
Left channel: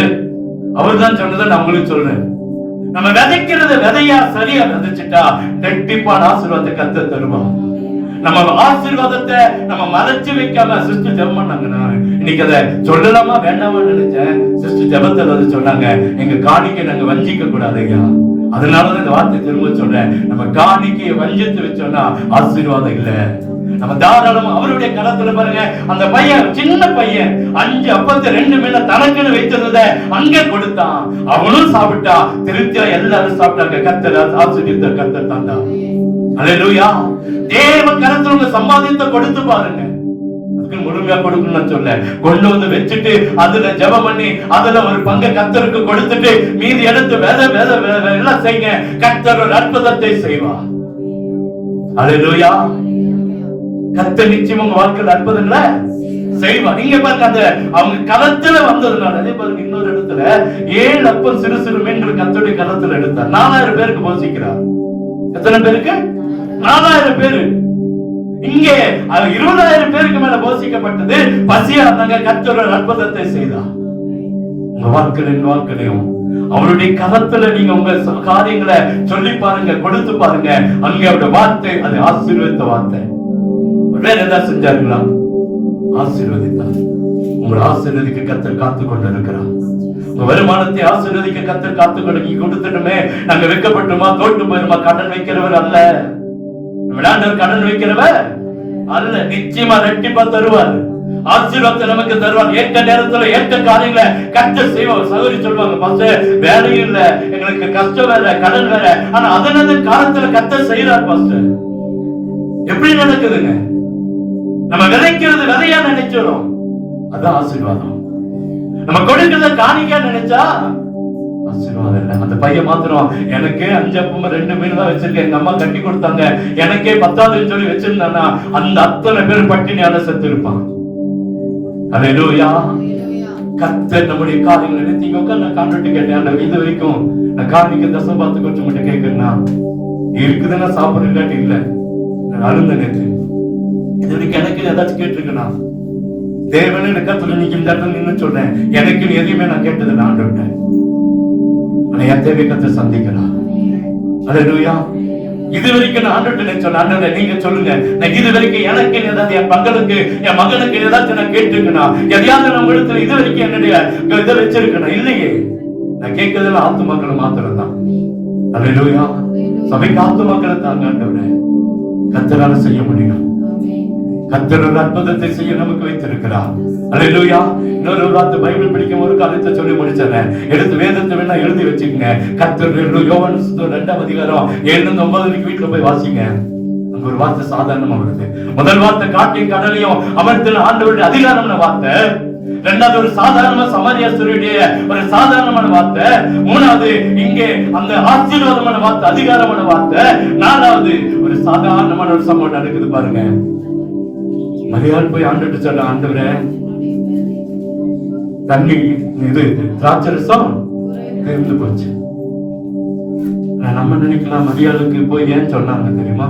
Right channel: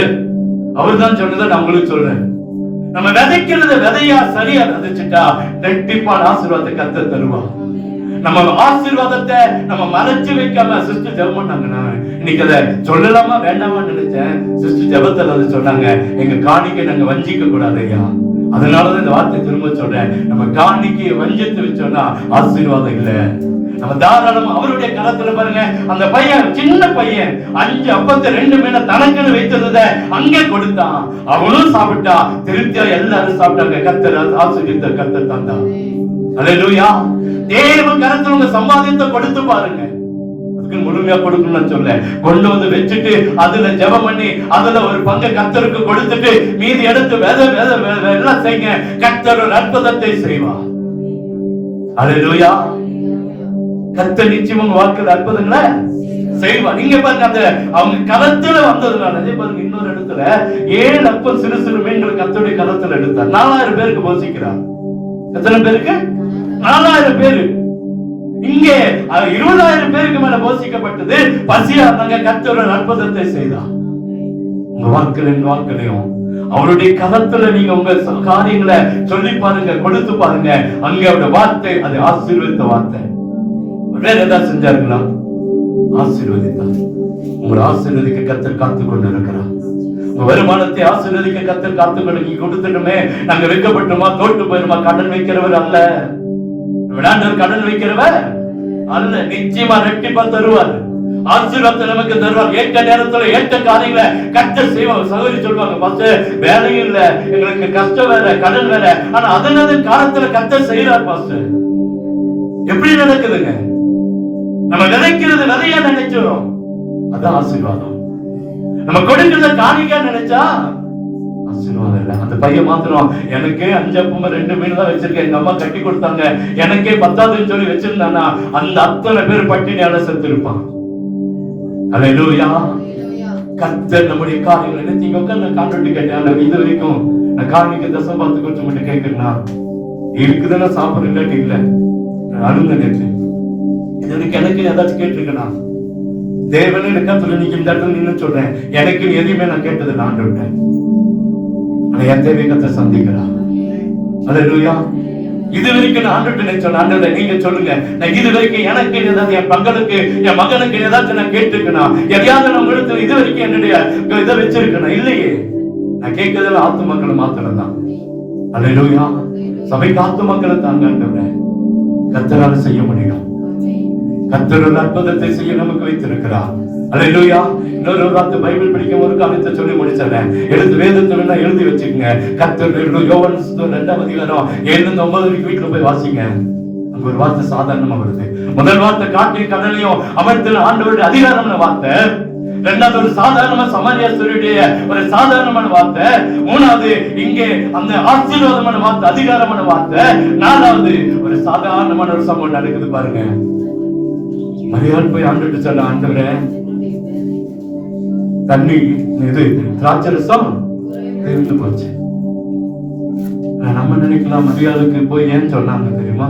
அவர் தான் சொன்னதை நான் உங்களுக்கு சொல்றேன். நம்ம விதைக்கிறத விதையா சரியா விதைச்சிட்டா ரெட்டிப்பான ஆசீர்வாதத்தை கர்த்தர் தருவான். நம்ம ஆசீர்வாதத்தை நம்ம மறைச்சு வைக்காம சிஸ்டர் ஜெபம் பண்ணாங்க. இன்னைக்கு அதை சொல்லலாமா வேண்டாமா நினைச்சேன். சிஸ்டர் ஜெபத்துல வந்து சொன்னாங்க, எங்க காணிக்கை நாங்க வஞ்சிக்க கூடாது ஐயா. அதனாலதான் இந்த வார்த்தை திரும்ப சொல்றேன். நம்ம காணிக்கையை வஞ்சித்து வச்சோம்னா ஆசீர்வாதம் இல்ல. நம்ம தாராளமா அவருடைய கரத்துல பாருங்க. அந்த பையன் சின்ன பையன் 5 அப்பத்தை 2 மீனை தனக்குன்னு வைத்திருந்தத அங்கே கொடுத்தான். அவனும் சாப்பிட்டா. திருப்தியா எல்லாரும் சாப்பிட்டாங்க. கர்த்தர் ஆசீர்வதித்த கர்த்தர் தாண்டா. அல்லேலூயா. தேவ கரத்துல உங்க சம்பாதித்த கொடுத்து பாருங்க. அதுக்கு முழுமையா கொடுக்கணும்னு சொல்ல கொண்டு வந்து வச்சுட்டு அதுல ஜெபம் பண்ணி அதுல ஒரு பங்கை கர்த்தருக்கு கொடுத்துட்டு மீதி எடுத்து எல்லாம் செய்யுங்க. கர்த்தர் ஒரு அற்புதத்தை செய்வார். அல்லேலூயா. கர்த்தர் நிச்சயம் உங்க வாழ்க்கையில் அற்புதங்களை செய்வார். நீங்க பாருங்க அந்த அவங்க கரத்துல வந்ததுனால அதே பாருங்க. இன்னொரு இடத்துல 7 அப்பம் சிறு சிறு மீன்கள் கர்த்தருடைய கரத்துல எடுத்தார். 4000 பேருக்கு போஷிக்கிறார். எத்தனை பேருக்கு? 4000 பேரு. இங்கே 20000 பேருக்கு மேல போஷிக்கப்பட்டது. பசியா இருந்தாங்க. கர்த்தர் ஒரு அற்புதத்தை செய்தார். உங்க வாழ்க்கையிலும் அவருடைய கரத்துல நீங்க உங்க காரியங்களை சொல்லி பாருங்க, கொடுத்து பாருங்க. அங்கே அவருடைய வார்த்தை அது ஆசீர்வதித்த வார்த்தை. வேற ஏதாவது செஞ்சாருங்களா? ஆசீர்வதித்தார். உங்களை ஆசீர்வதிக்க கர்த்தர் காத்து கொண்டு இருக்கிறார். உங்க வருமானத்தை ஆசீர்வதிக்க கர்த்தர் காத்து கொண்டு கொடுத்துட்டுமே நாங்க வைக்கப்பட்டுமா தோட்டு போயிருமா? கடன் வைக்கிறவர் அல்ல. விளையாண்டவர் கடன் வைக்கிறவர் அல்ல. நிச்சயமா ரெட்டிப்பா தருவார். ஆசீர்வாதத்தை நமக்கு தருவார். ஏற்ற நேரத்துல ஏற்ற காரியங்களை கர்த்தர் செய்வார். சகோதரி சொல்லுவாங்க, பாஸ்டர் வேலையும் இல்ல, எங்களுக்கு கஷ்டம் வேற, கடன் வேற, ஆனா அதனது காலத்துல கர்த்தர் செய்யறார். பாஸ்டர் எப்படி நடக்குதுங்க? நம்ம விதைக்கிறது விதையா நினைச்சிடும். அதான் ஆசீர்வாதம். நம்ம கொடுக்கிறத காணிக்கா நினைச்சா ஆசீர்வாதம் இல்ல. அந்த பையன் மாத்திரம் எனக்கு 5 அப்பம் 2 மீன் தான் வச்சிருக்கேன். எங்க அம்மா கட்டி கொடுத்தாங்க. எனக்கே 10வது சொல்லி வச்சிருந்தானா அந்த அத்தனை பேர் பட்டினியால செத்து இருப்பான். அல்லேலூயா. கர்த்தர் நம்முடைய காரியங்களை நினைத்தீங்க. நான் காண்பிட்டு கேட்டேன். இது வரைக்கும் நான் காணிக்க தசம் பார்த்து கொஞ்சம் மட்டும் கேட்கிறேன்னா இருக்குதுன்னா சாப்பிட இல்லாட்டி இல்ல. நான் அருந்த நேற்று இதுக்கு எனக்கு ஏதாச்சும் கேட்டிருக்கேன். தேவனே கத்துல நின்று சொல்றேன். எனக்கு எதுவுமே நான் கேட்டது நான் விட்டேன். ஆனா என் தேவை கத்த சந்திக்கிறான். அல்லேலூயா. இது வரைக்கும் நான் ஆண்டுட்டு சொன்னேன். நீங்க சொல்லுங்க, நான் இது வரைக்கும் எனக்கு ஏதாவது என் மகனுக்கு என் மகனுக்கு ஏதாச்சும் நான் கேட்டிருக்கேன். எதையாவது நம்ம எடுத்து இது வரைக்கும் என்னுடைய இதை வச்சிருக்கேன் இல்லையே. நான் கேட்கறதுல ஆத்து மக்களை மாத்திரம் தான். அல்லேலூயா. சபைக்கு ஆத்து மக்களை தாங்க கர்த்தரால செய்ய முடியும். கர்த்தர் ஒரு அற்புதத்தை செய்ய நமக்கு வைத்திருக்கிறார். அல்லேலூயா. இன்னொரு வார்த்தை பைபிள் படிக்கும் ஒரு காலத்தை சொல்லி முடிச்சேன். எழுத்து வேதத்தை வேணா எழுதி வச்சுக்கங்க. கர்த்தர் யோவான் 2ஆம் அதிகாரம் 7-9 வரைக்கும் வீட்டுல போய் வாசிங்க. அங்க ஒரு வார்த்தை சாதாரணமா வருது. முதல் வார்த்தை காட்டின் கடலையும் அமர்த்தின ஆண்டவருடைய அதிகாரமான வார்த்தை. இரண்டாவது ஒரு சாதாரண சமாரியஸ்வருடைய ஒரு சாதாரணமான வார்த்தை. மூணாவது இங்கே அந்த ஆசீர்வாதமான வார்த்தை, அதிகாரமான வார்த்தை. நாலாவது ஒரு சாதாரணமான ஒரு சம்பவம் நடக்குது பாருங்க. மரியாள் போய் ஆண்டுட்டு சொல்ல, ஆண்டவரே தண்ணி இது திராட்சரசம் தீர்ந்து போச்சு. நம்ம நினைக்கலாம் மரியாளுக்கு போய் ஏன் சொன்னாங்க தெரியுமா?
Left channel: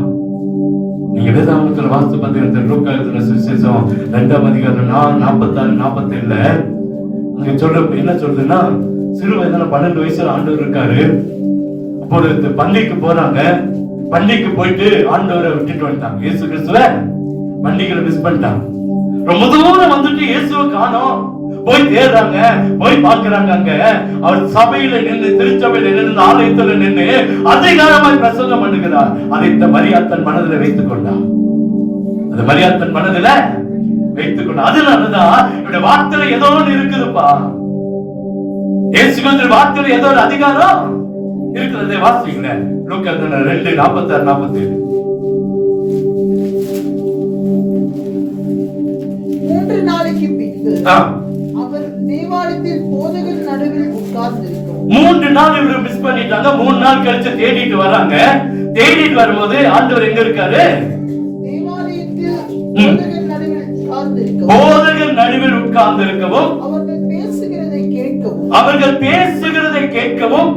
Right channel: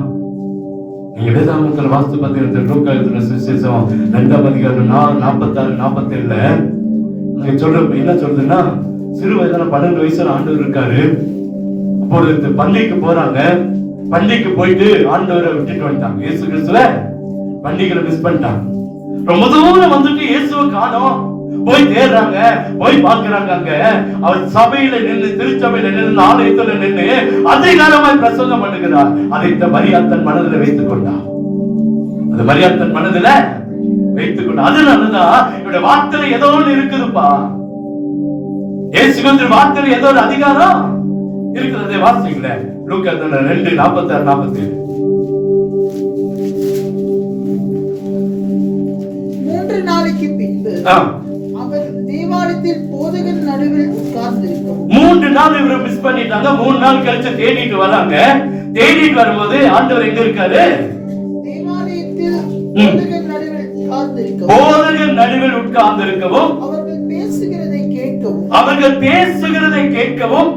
நீங்க வேதாகமத்துல வாஸ்து பார்த்தீங்கன்னா லூக்கா எழுதின சுவிசேஷம் 2ஆம் அதிகாரம் 46-47 அங்க சொல்ற என்ன சொல்றதுன்னா, சிறு வயதுல 12 வயசுல ஆண்டவர் இருக்காரு. அப்பொழுது பள்ளிக்கு போறாங்க. பள்ளிக்கு போயிட்டு ஆண்டவரை விட்டுட்டு வந்துட்டாங்க. இயேசு கிறிஸ்துவ பண்டிகைகளை மிஸ் பண்ணிட்டாங்க. ரொம்ப தூரம் வந்துட்டு இயேசுவை காணோம். போய் தேடுறாங்க, போய் பார்க்கிறாங்க. அங்க அவர் சபையில நின்று, திருச்சபையில நின்று, ஆலயத்துல நின்று அதிகாரமாய் பிரசங்கம் பண்ணுகிறார். அதை இந்த மரியாள் தன் மனதில் வைத்துக் கொண்டார். அந்த மரியாள் தன் மனதில் வைத்துக் கொண்டார். அதனாலதான் இவருடைய வார்த்தையில ஏதோ ஒன்று இருக்குதுப்பா. இயேசுவின் வார்த்தையில ஏதோ ஒரு அதிகாரம் இருக்கிறதை வாசிக்கல. லூக்கா 2:46-47 3 நாளைக்கு பின்பு அவர் தேவாலயத்தில் போதகர் நடுவில் உட்கார்ந்திருக்கவும். 3 நாள் இவரை மிஸ் பண்ணிட்டாங்க. 3 நாள் கழிச்சு தேடிட்டு வராங்க. தேடிட்டு வரும்போது ஆண்டவர் எங்க இருக்காரு? தேவாலயத்தில் போதகர் நடுவில் உட்கார்ந்திருக்கவும். போதகர் நடுவில் உட்கார்ந்திருக்கவும். அவர்கள் பேசுகிறதை கேட்கவும். அவர்கள் பேசுகிறதை கேட்கவும்.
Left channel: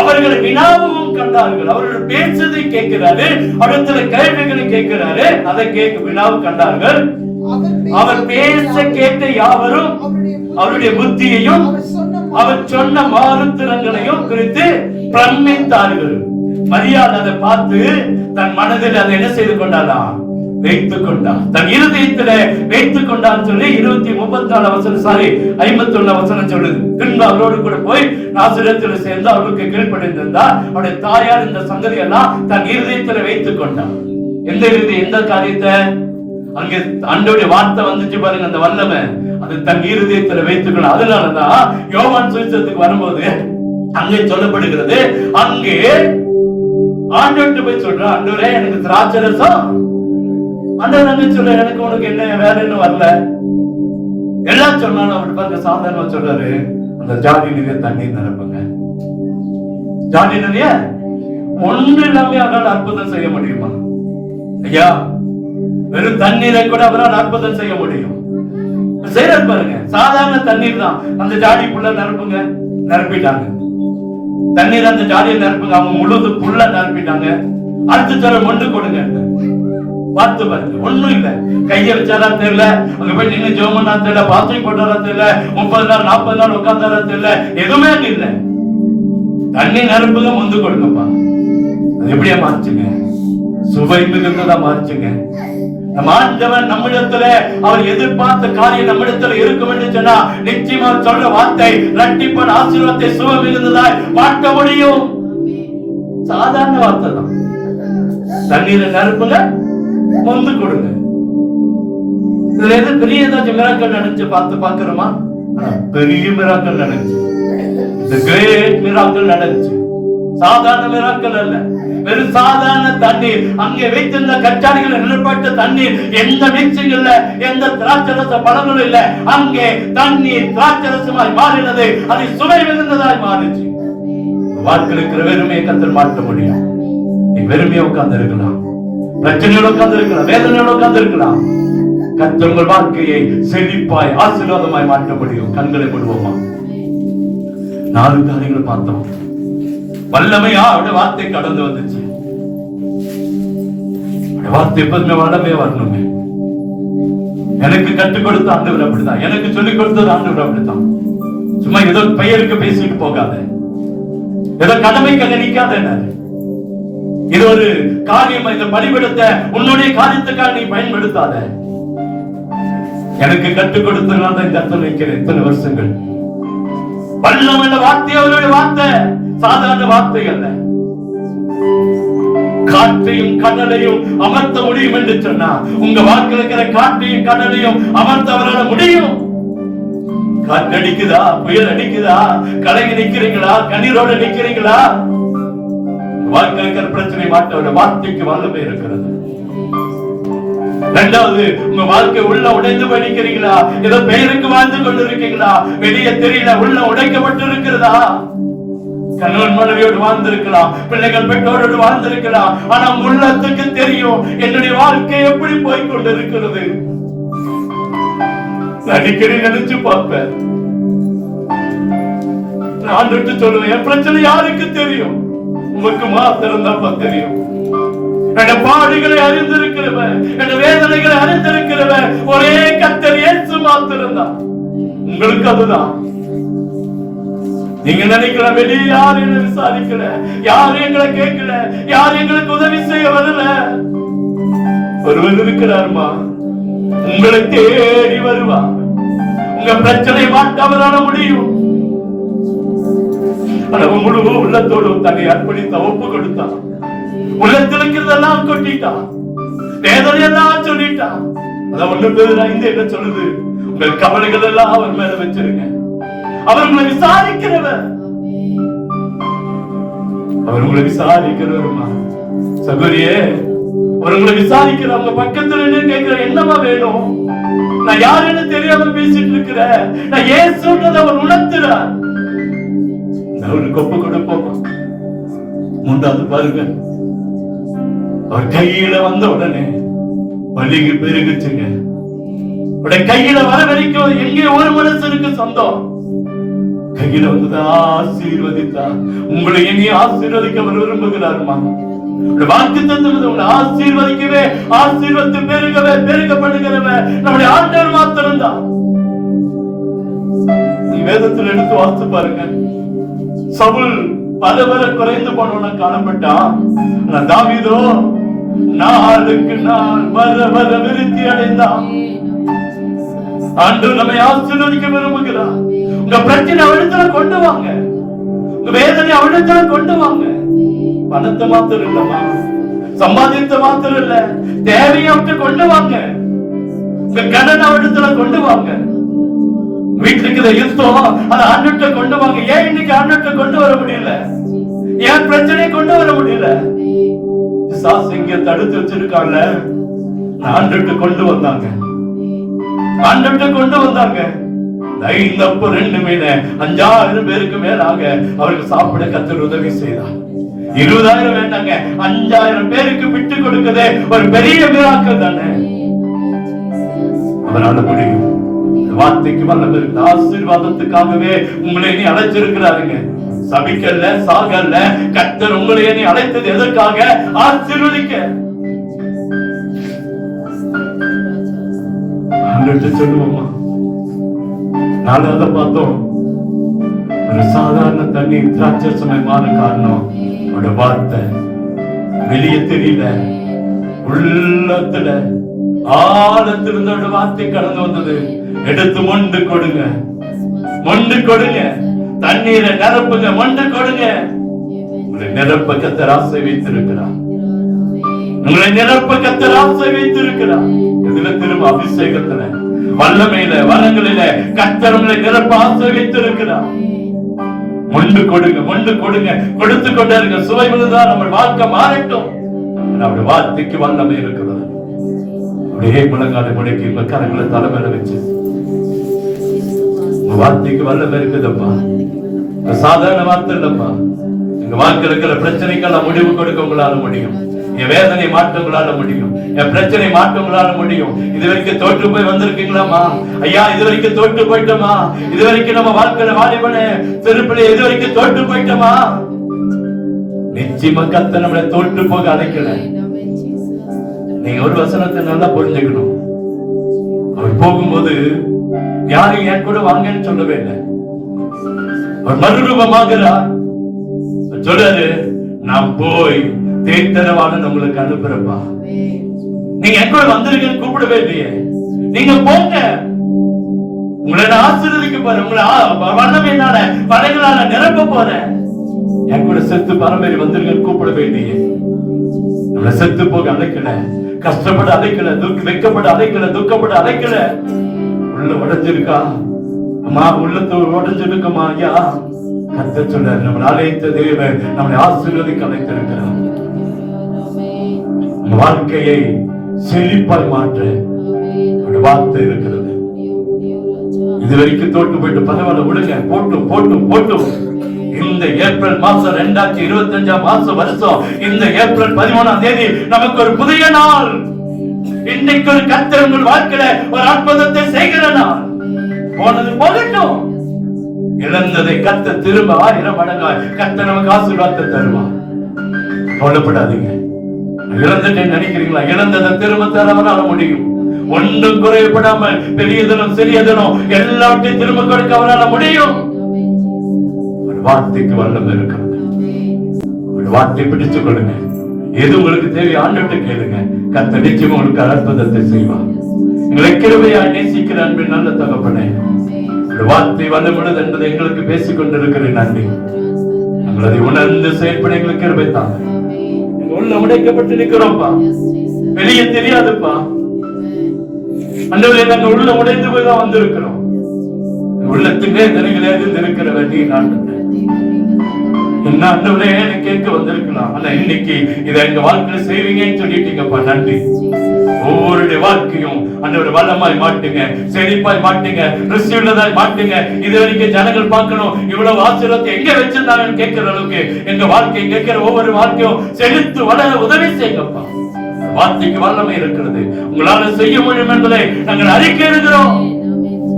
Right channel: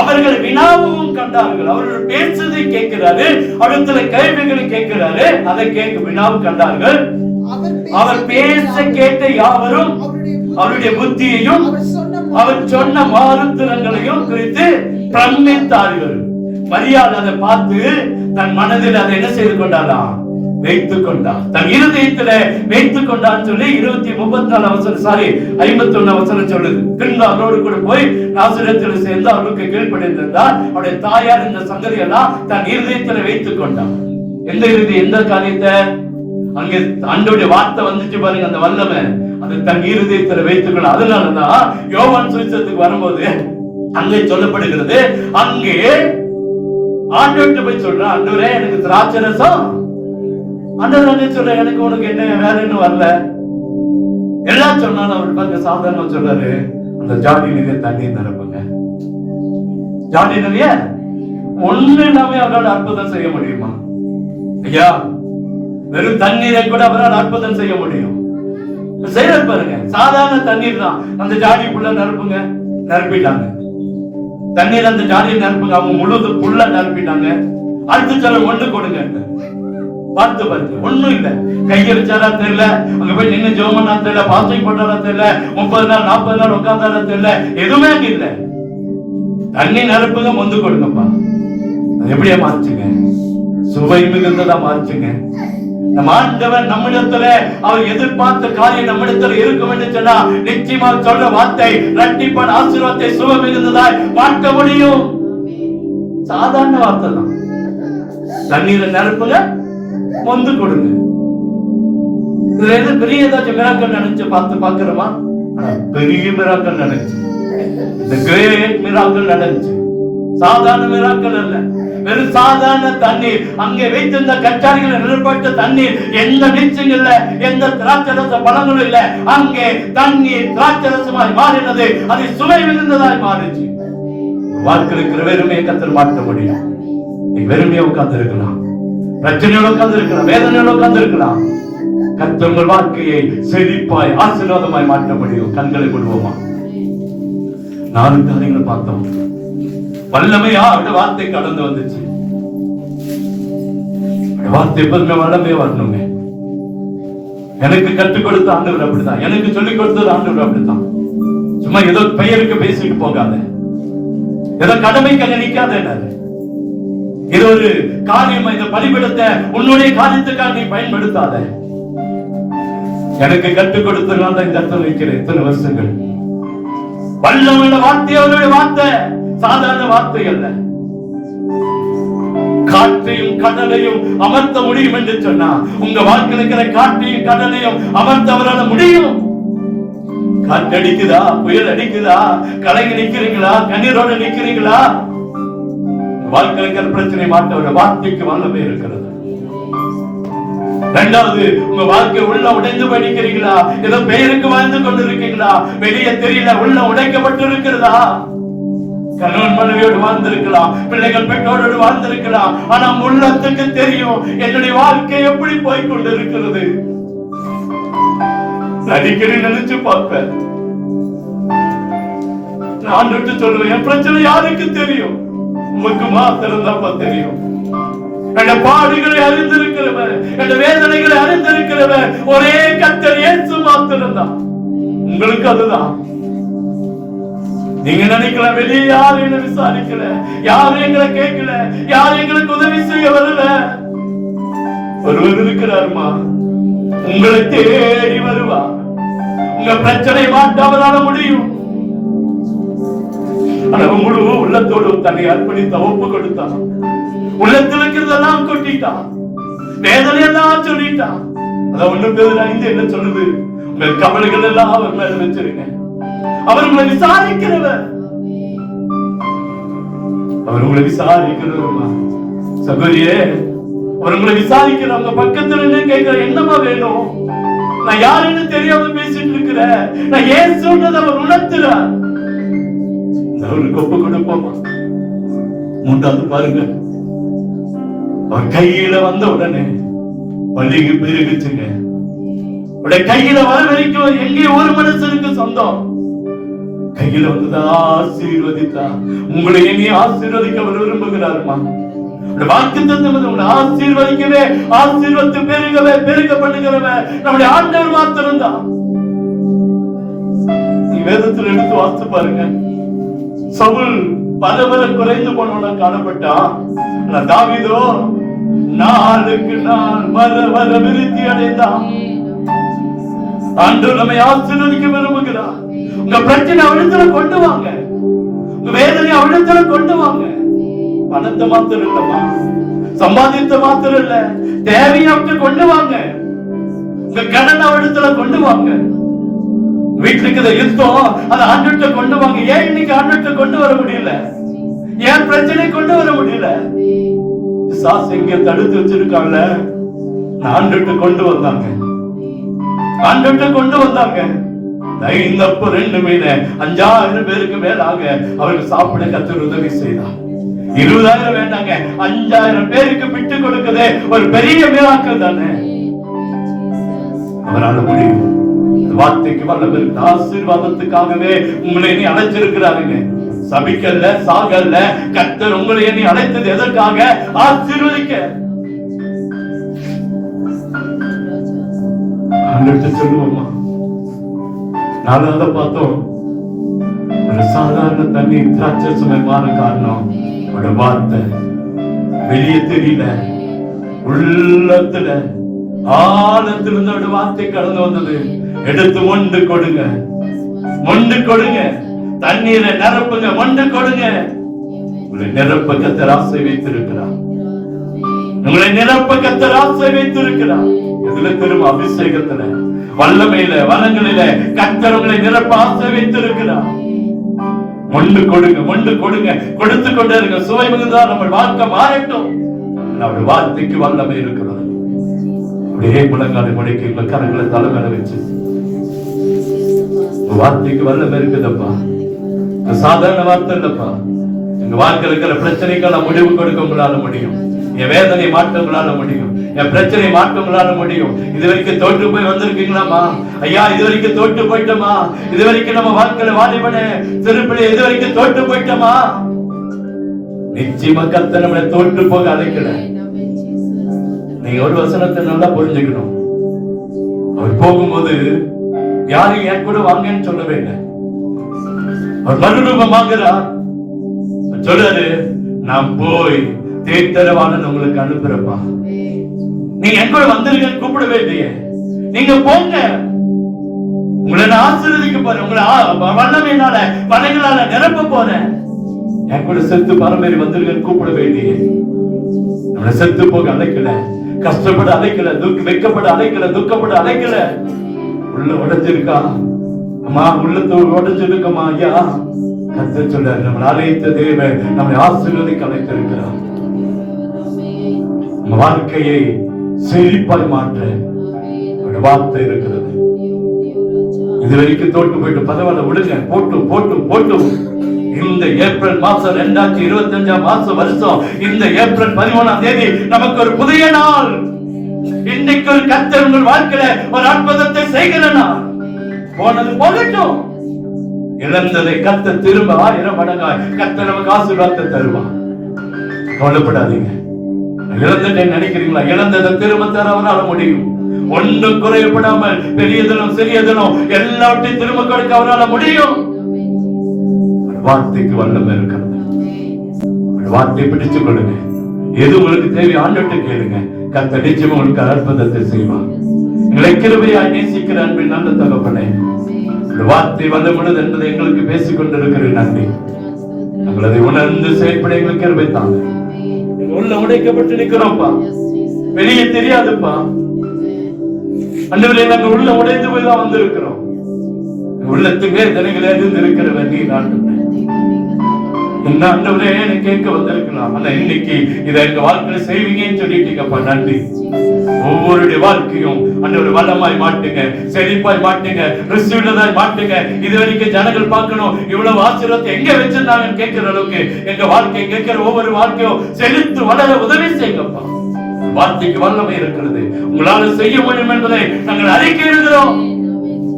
அவர்கள் வினாவும் கண்டார்கள். அவர்கள் பேசுவதை கேட்கிறாரு. அவர்களை கேள்விகளை கேட்கிறாரு. அதை கேட்க வினாவும் கண்டார்கள். அவர் பேச கேட்ட யாவரும் அவருடைய புத்தியையும் அவர் சொன்ன மருத்துவங்களையும் குறித்து பிரமித்தார்கள். மரியாள் அதை பார்த்து தன் மனதில் அதை என்ன செய்து கொண்டாராம்? வைத்துக் கொண்டார். தன் இருதயத்திலே வைத்துக் கொண்டார் சொல்லி 51 சொல்லுது. பின்பு அவரோடு கூட போய் நாசரேத்தில் சேர்ந்து அவருக்கு கீழ்ப்படிந்திருந்தார். அவருடைய தாயார் இந்த சங்கதி எல்லாம் தன் இருதயத்திலே வைத்துக் கொண்டார். எந்த காரியத்தை? அங்கே ஆண்டவருடைய வார்த்தை வந்துச்சு பாருங்க, அந்த வல்லமை அது தன் இருதயத்துல வைத்துக்கணும். அதனாலதான் யோவான் சுவிசேஷத்துக்கு வரும்போது அங்கே சொல்லப்படுகிறது, அங்கே ஆண்டவர்கிட்ட போய் சொல்றான், ஆண்டவரே எனக்கு திராட்சரசம். ஆண்டவர் என்ன சொல்ற, எனக்கு உனக்கு என்ன வேற என்ன வரல எல்லாம் சொன்னாலும் அவர் பாருங்க சாதாரணமா சொல்றாரு, அந்த ஜாடி நிறைய தண்ணீர் நிரப்புங்க. ஜாடி நிறைய ஒன்று இல்லாம அவரால் அற்புதம் செய்ய முடியுமா? ஐயா, வெறும் தண்ணீரை கூட அவரால் அற்புதம் செய்ய முடியும். செய்யற பாருங்க, சாதாரண தண்ணீர் தான். அந்த ஜாடிக்குள்ள நிரப்புங்க, நிரப்பிட்டாங்க. தண்ணீர் அந்த ஜாடியை நிரப்புங்க, அவங்க முழுது புள்ள நிரப்பிட்டாங்க. அடுத்து சொல்ல ஒண்ணு கொடுங்க, பார்த்து பாருங்க, ஒண்ணும் இல்ல. கைய வச்சாரா தெரியல, அங்க போய் நின்று ஜோமனா தெரியல, பாஸ்டிங் போட்டாரா தெரியல, 30 நாள் 40 நாள் உட்கார்ந்தாரா தெரியல, எதுவுமே இல்ல. தண்ணி நிரப்புங்க, முந்து கொடுங்கப்பா. அது எப்படியா மாறுச்சுங்க? சுவை மிகுந்ததா மாறுச்சுங்க. நம்ம ஆண்டவன் நம்மிடத்துல அவர் எதிர்பார்த்த காரியம் நம்மிடத்துல இருக்கும் என்று சொன்னா நிச்சயமா சொல்ற வார்த்தை இரட்டிப்பான ஆசீர்வாதத்தை சுவை மிகுந்ததாய் மாற்ற முடியும். சாதாரண வார்த்தை தான். தண்ணீரை நிரப்புங்க, மொந்து கொடுங்க. இதுல எது பெரிய ஏதாச்சும் மிராக்கள் நடந்துச்சு பாக்குறோமா? பெரிய மிராக்கள் நடந்துச்சு. இந்த கிரேட் மிராக்கள் நடந்துச்சு. சாதாரண மிராக்கள் அல்ல, வெறும் சாதாரண தண்ணீர். அங்கே வைத்திருந்த கச்சாரிகள் நிரப்பட்ட தண்ணீர், எந்த மிக்சிங் இல்ல, எந்த திராட்சரச பழங்களும் இல்ல. அங்கே தண்ணீர் திராட்சரசமாய் மாறினது, அதை சுவை மிகுந்ததாய் மாறிச்சு. வாழ்க்கையில் இருக்கிற வெறுமையை கத்தர் மாற்ற முடியும். நீ வெறுமையை உட்கார்ந்து இருக்கலாம், பிரச்சனையோட உட்கார்ந்து இருக்கலாம், வேதனையோட உட்கார்ந்து இருக்கலாம். கர்த்தர் உங்கள் வாழ்க்கையை செழிப்பாய் ஆசீர்வாதமாய் மாற்ற முடியும். கண்களை கொள்வோமா? 4 காரியங்கள் பார்த்தோம். வல்லமையா அவருடைய வார்த்தை கடந்து வந்துச்சு. வார்த்தை எப்போதுமே வல்லமையா வரணுங்க. எனக்கு கற்றுக் கொடுத்த ஆண்டவர் அப்படித்தான், எனக்கு சொல்லிக் கொடுத்தது ஆண்டவர் அப்படித்தான். சும்மா ஏதோ பெயருக்கு பேசிட்டு போகாத, ஏதோ கடமைக்கு நினைக்காத. இது ஒரு காரியம், இந்த பலிபீடத்தை உன்னுடைய காரியத்துக்காக நீ பயன்படுத்தாத. எனக்கு கற்றுக் கொடுத்ததுனால தான் இந்த இடத்துல நிற்கிறேன் இத்தனை வருஷங்கள். வல்லமையான வார்த்தை அவருடைய வார்த்தை, சாதாரண வார்த்தை அல்ல. காற்றையும் கடலையும் அமர்த்த முடியும் என்று சொன்னா, உங்க வாழ்க்கையில் இருக்கிற காற்றையும் கடலையும் அமர்த்த அவரால் முடியும். காற்றடிக்குதா, புயல் அடிக்குதா, கலங்கி நிக்கிறீங்களா, கண்ணீரோட நிக்கிறீங்களா? வாழ்க்கையில் இருக்கிற பிரச்சனை மாற்ற வார்த்தைக்கு வல்லமை இருக்கிறது. இரண்டாவது, உங்க வாழ்க்கை உள்ள உடைந்து படிக்கிறீங்களா? ஏதோ பெயருக்கு வாழ்ந்து கொண்டு இருக்கீங்களா? வெளியே தெரியல, உள்ள உடைக்கப்பட்டு இருக்கிறதா? கணவன் மனைவியோடு வாழ்ந்திருக்கலாம், பிள்ளைகள் பெற்றோரோடு வாழ்ந்திருக்கலாம். ஆனா உள்ளத்துக்கு தெரியும் என்னுடைய வாழ்க்கை எப்படி போய் கொண்டு இருக்கிறது. அடிக்கடி நினைச்சு பார்ப்பேன். நான் விட்டு சொல்லுவேன், என் பிரச்சனை யாருக்கு தெரியும்? உங்களுக்கு மாத்திரம் தான் தெரியும். என் பாடுகளை அறிந்திருக்கிறவன், என் வேதனைகளை அறிந்திருக்கிறவன் ஒரே கர்த்தர் இயேசு மாத்திரம் தான். உங்களுக்கு அதுதான். நீங்க நினைக்கிற வெளியே யாரும் என்ன விசாரிக்கல, யாரும் எங்களை கேட்கல, யாரும் எங்களுக்கு உதவி செய்ய வரல. ஒருவர் இருக்கிறார்மா, உங்களை தேடி வருவார். உங்க பிரச்சனை மாற்றாவதான முடியும். முழு உள்ளத்தோடு தன்னை அர்ப்பணித்த ஒப்பு கொடுத்தான். உள்ளத்தில் இருக்கிறதெல்லாம் கொட்டிட்டான், வேதனையெல்லாம் சொல்லிட்டான். அதான் 1 பேதுரு 5 என்ன சொல்லுது? உங்கள் கவலைகள் எல்லாம் அவர் மேல வச்சிருங்க. அவர் உங்களை விசாரிக்கிறவர். அவர் உங்களை விசாரிக்கிறவர். சகோதரியே, அவர் உங்களை விசாரிக்கிற உங்க பக்கத்துல நின்னு கேட்கிற, என்னமா வேணும்? நான் யாருன்னு தெரியாம பேசிட்டு இருக்கிறேன். நான் ஏன் சொல்றது அவர் உணர்த்துறார். அவருக்கு ஒப்பு கொடுப்போமா? 3வது பாருங்க, அவர் கையில வந்த உடனே பலிக்கு பெருகுச்சுங்க. கையில வர வரைக்கும் எங்கே ஒரு மனுஷனுக்கு சொந்தம். கையில வந்து ஆசீர்வதித்தார். உங்களை எங்கே ஆசீர்வதிக்க விரும்புகிறாருமா? வாக்குத்தத்தம் உங்களை ஆசீர்வதிக்கவே, ஆசீர்வத்து பெருகவே, பெருகப்படுகிறவே நம்முடைய ஆண்டவர் மாத்திரம்தான். நீ வேதத்தில் எடுத்து வாசித்து பாருங்க. சவுல் பல குறைந்து போனவன காணப்பட்டா, தாவீதோ நாளுக்கு நாள் வர விருத்தி அடைந்தான். ஆண்டவர் நம்மை ஆசீர்வதிக்க விரும்புகிறார். உங்க பிரச்சனை அவரிடத்துல கொண்டு வாங்க, உங்க வேதனை அவரிடத்துல கொண்டு வாங்க. பணத்தை மாத்திரம் இல்லமா, சம்பாதித்த மாத்திரம் இல்ல, தேவையோட்டு கொண்டு வாங்க. உங்க கடன் அவரிடத்துல கொண்டு வாங்க. வீட்டுக்கு யுத்தம் அதை ஆண்டுகிட்ட கொண்டு வாங்க. ஏன் இன்னைக்கு ஆண்டுகிட்ட கொண்டு வர முடியல? ஏன் பிரச்சனை கொண்டு வர முடியல? சாஸ் இங்க தடுத்து வச்சிருக்காங்க. ஆண்டுகிட்ட கொண்டு வந்தாங்க, ஆண்டுகிட்ட கொண்டு வந்தாங்க. 5 அப்பம் 2 மீன் 5000 பேருக்கு மேலாக அவருக்கு சாப்பிட கர்த்தர் உதவி செய்தார். 20,000 வேண்டாங்க, 5000 பேருக்கு விட்டு கொடுக்கதே ஒரு பெரிய மிராக்கிள் தானே. அவரால் முடியும். வார்த்தைக்கு வல்லவர். ஆசீர்வாதத்துக்காகவே உங்களை நீ அழைச்சிருக்கிறாருங்க. சபிக்கல்ல, சாகல்ல. கர்த்தர் உங்களை நீ அழைத்தது எதற்காக? ஆசீர்வதிக்க. சொல்லுவோமா? 4வது பார்த்தோம், ஒரு சாதாரண தண்ணி திராட்சை மாற காரணம் அவருடைய வார்த்தை. வெளியே தெரியல, உள்ளத்துல ஆழத்திலிருந்து வார்த்தை கடந்து வந்தது. எடுத்து மொண்டு கொடுங்க, மொண்டு கொடுங்க, தண்ணீரை நிரப்புங்க, மொண்டு கொடுங்க. உங்களை நிரப்ப கர்த்தர் ஆசை வைத்திருக்கிறார். உங்களை நிரப்ப கர்த்தர் ஆசை வைத்திருக்கிறார். இதுல திரும்ப அபிஷேகத்துல, வல்லமையில, வளங்களில கர்த்தர் உங்களை நிரப்ப ஆசை வைத்திருக்கிறார். மொண்டு கொடுங்க, மொண்டு கொடுங்க, கொடுத்து கொண்டே இருங்க. சுவை தான் நம்ம வாழ்க்கை மாறட்டும். நம்முடைய வார்த்தைக்கு வல்லமை இருக்கிறது. அப்படியே முழங்காலை முடக்கி உங்க கரங்களை தலைமையில வச்சு, வார்த்தைக்கு வல்லமை இருக்குதப்பா. சாதாரண வார்த்தை இல்லப்பா. எங்க வாழ்க்கையில் இருக்கிற பிரச்சனைக்கான முடிவு கொடுக்க உங்களால முடியும். என் வேதனை மாற்ற உங்களால முடியும். என் பிரச்சனை மாற்ற உங்களால முடியும். இதுவரைக்கும் தோற்று போய் வந்திருக்கீங்களாமா? ஐயா, இதுவரைக்கும் தோற்று போயிட்டோமா? இதுவரைக்கும் நம்ம வாழ்க்கையில வாலிபன சிறுபிள்ளை இதுவரைக்கும் தோற்று போயிட்டோமா? நிச்சயமா கர்த்தர் நம்மளை தோற்று போக அழைக்கல. நீங்க ஒரு வசனத்தை நல்லா புரிஞ்சுக்கணும். அவர் போகும்போது யாரும் என் கூட வாங்கன்னு சொல்லவே இல்லை. அவர் மறுரூபமாகிறார். சொல்றாரு, நான் போய் தேத்தரவான உங்களுக்கு அனுப்புறப்பா. நீங்க என் கூட வந்திருக்கீங்கன்னு கூப்பிடவே இல்லையே. நீங்க போங்க, உங்களை ஆசீர்வதிக்க போறேன். உங்களை வண்ணமையினால வலைகளால நிரப்ப போறேன். என் கூட செத்து பரமேறி வந்திருக்கீங்கன்னு கூப்பிடவே இல்லையே. நம்மளை செத்து போக அழைக்கல, கஷ்டப்பட அழைக்கல, வெக்கப்பட அழைக்கல, துக்கப்பட அழைக்கல. உள்ள உடைஞ்சிருக்கா அம்மா, உள்ளத்தோடு உடைஞ்சிருக்கமா ஐயா, கர்த்தர் சொல்றார் நம்மளை அழைத்த தேவன் நம்மளை ஆசீர்வதிக்க அழைத்திருக்கிறார். வாழ்க்கையை செழிப்பாய் மாற்ற ஒரு வார்த்தை இருக்கிறது. இது வரைக்கும் தோட்டு போயிட்டு பரவாயில்ல விடுங்க, போட்டு போட்டு போட்டு இந்த ஏப்ரல் மாசம் 2025 வருஷம் இந்த ஏப்ரல் 13ஆம் தேதி நமக்கு ஒரு புதிய நாள். இன்னைக்கு ஒரு கர்த்தர் உங்கள் வாழ்க்கையில ஒரு அற்புதத்தை செய்கிற நாள். போனது போகட்டும், இழந்ததை கர்த்தர் திரும்ப 1000 மடங்காய் கர்த்தர் நமக்கு ஆசீர்வாதத்தை தருவார். கவலைப்படாதீங்க. இழந்துட்டேன்னு நினைக்கிறீங்களா? இழந்ததை திரும்ப தர அவரால் முடியும். ஒன்றும் குறையப்படாமல் பெரியதனும் சிறியதனும் எல்லாத்தையும் திரும்ப கொடுக்க அவரால் முடியும். வார்த்தைக்கு வல்லமை இருக்கிறது. வார்த்தை பிடிச்சு கொள்ளுங்க. எது உங்களுக்கு தேவை ஆண்டுட்டு கேளுங்க. கர்த்தர் நிச்சயம் உங்களுக்கு அற்புதத்தை செய்வார். எங்களை கிருபையாய் நேசிக்கிற அன்பின் நல்ல தகப்பனே, வார்த்தை வல்லமுள்ளது என்பதை எங்களுக்கு பேசிக் கொண்டிருக்கிற நன்றி. நாங்கள் அதை உணர்ந்து செயல்பட எங்களுக்கு கிருபை தாங்க. உள்ள உடைக்கப்பட்டு நிற்கிறோம்ப்பா, வெளியே தெரியாதுப்பா. அன்றுவரே நாங்கள் உள்ள உடைந்து போய் தான் வந்து இருக்கிறோம். உள்ளத்துக்கே தனிகளே இருக்கிறவர் நீ நான் அன்றுவரே கேட்க வந்திருக்கலாம். ஆனா இன்னைக்கு இதை எங்க வாழ்க்கையில செய்வீங்கன்னு சொல்லிட்டீங்கப்பா, நன்றி. ஒவ்வொருடைய வாழ்க்கையும் அன்றுவரை வளமாய் மாட்டுங்க, செழிப்பாய் மாட்டுங்க, ருசியுள்ளதாய் மாட்டுங்க. இது வரைக்கும் ஜனங்கள் பார்க்கணும் இவ்வளவு ஆசீர்வாதத்தை எங்க வச்சிருந்தாங்கன்னு கேட்கிற அளவுக்கு எங்க வாழ்க்கை கேட்கிற ஒவ்வொரு வாழ்க்கையும் செழித்து வளர உதவி செய்யுங்கப்பா. வார்த்தைக்கு வல்லமை இருக்கிறது, உங்களால செய்ய முடியும் என்பதை நாங்கள் அறிக்கையிடுகிறோம்.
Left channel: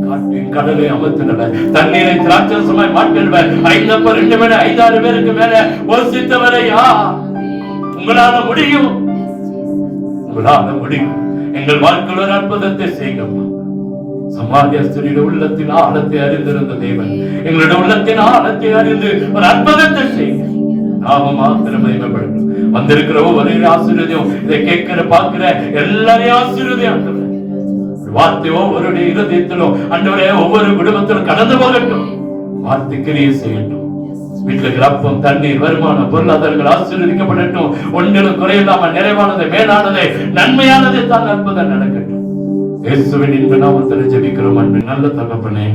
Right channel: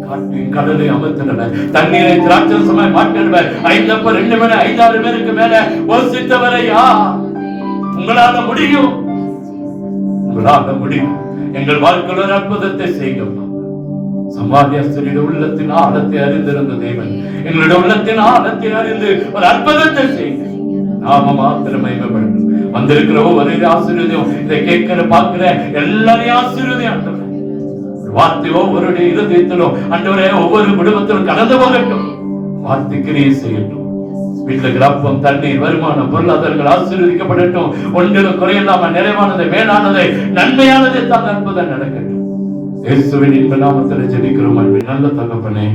காற்றின் கடலை அமர்த்தினவர், தண்ணீரை திராட்சரசமாய் மாற்றினவர், 5 அப்பம் 2 மேல 5-6 பேருக்கு மேல போஷித்தவரை உங்களால முடியும், உங்களால முடியும். எங்கள் வாழ்க்கையில் ஒரு அற்புதத்தை செய்யுங்கப்பா. சமாரியாஸ்திரியுடைய உள்ளத்தின் ஆழத்தை அறிந்திருந்த தேவன் எங்களுடைய உள்ளத்தின் ஆழத்தை அறிந்து ஒரு அற்புதத்தை செய்யுங்க. நாம மாத்திரமே வந்திருக்கிற ஒவ்வொரு ஆசீர்வாதம், இதை கேட்கிற பார்க்கிற எல்லாரையும் ஆசீர்வாதம் வார்த்தை ஒவ்வொரு இருதயத்திலும் ஆண்டவரே ஒவ்வொரு குடும்பத்திலும் கடந்து போகட்டும். வார்த்தை கிரியை செய்யட்டும். வீட்டுல இருக்கிற அப்பம், தண்ணீர், வருமானம், பொருளாதாரங்கள் ஆசீர்வதிக்கப்படட்டும். ஒன்றிலும் குறையில்லாம நிறைவானதை, மேலானதை, நன்மையானதை தான் அற்புதம் நடக்கட்டும். இயேசுவின் இன்ப நாமத்தில் ஜெபிக்கிறோம் அன்பு நல்ல தகப்பனே.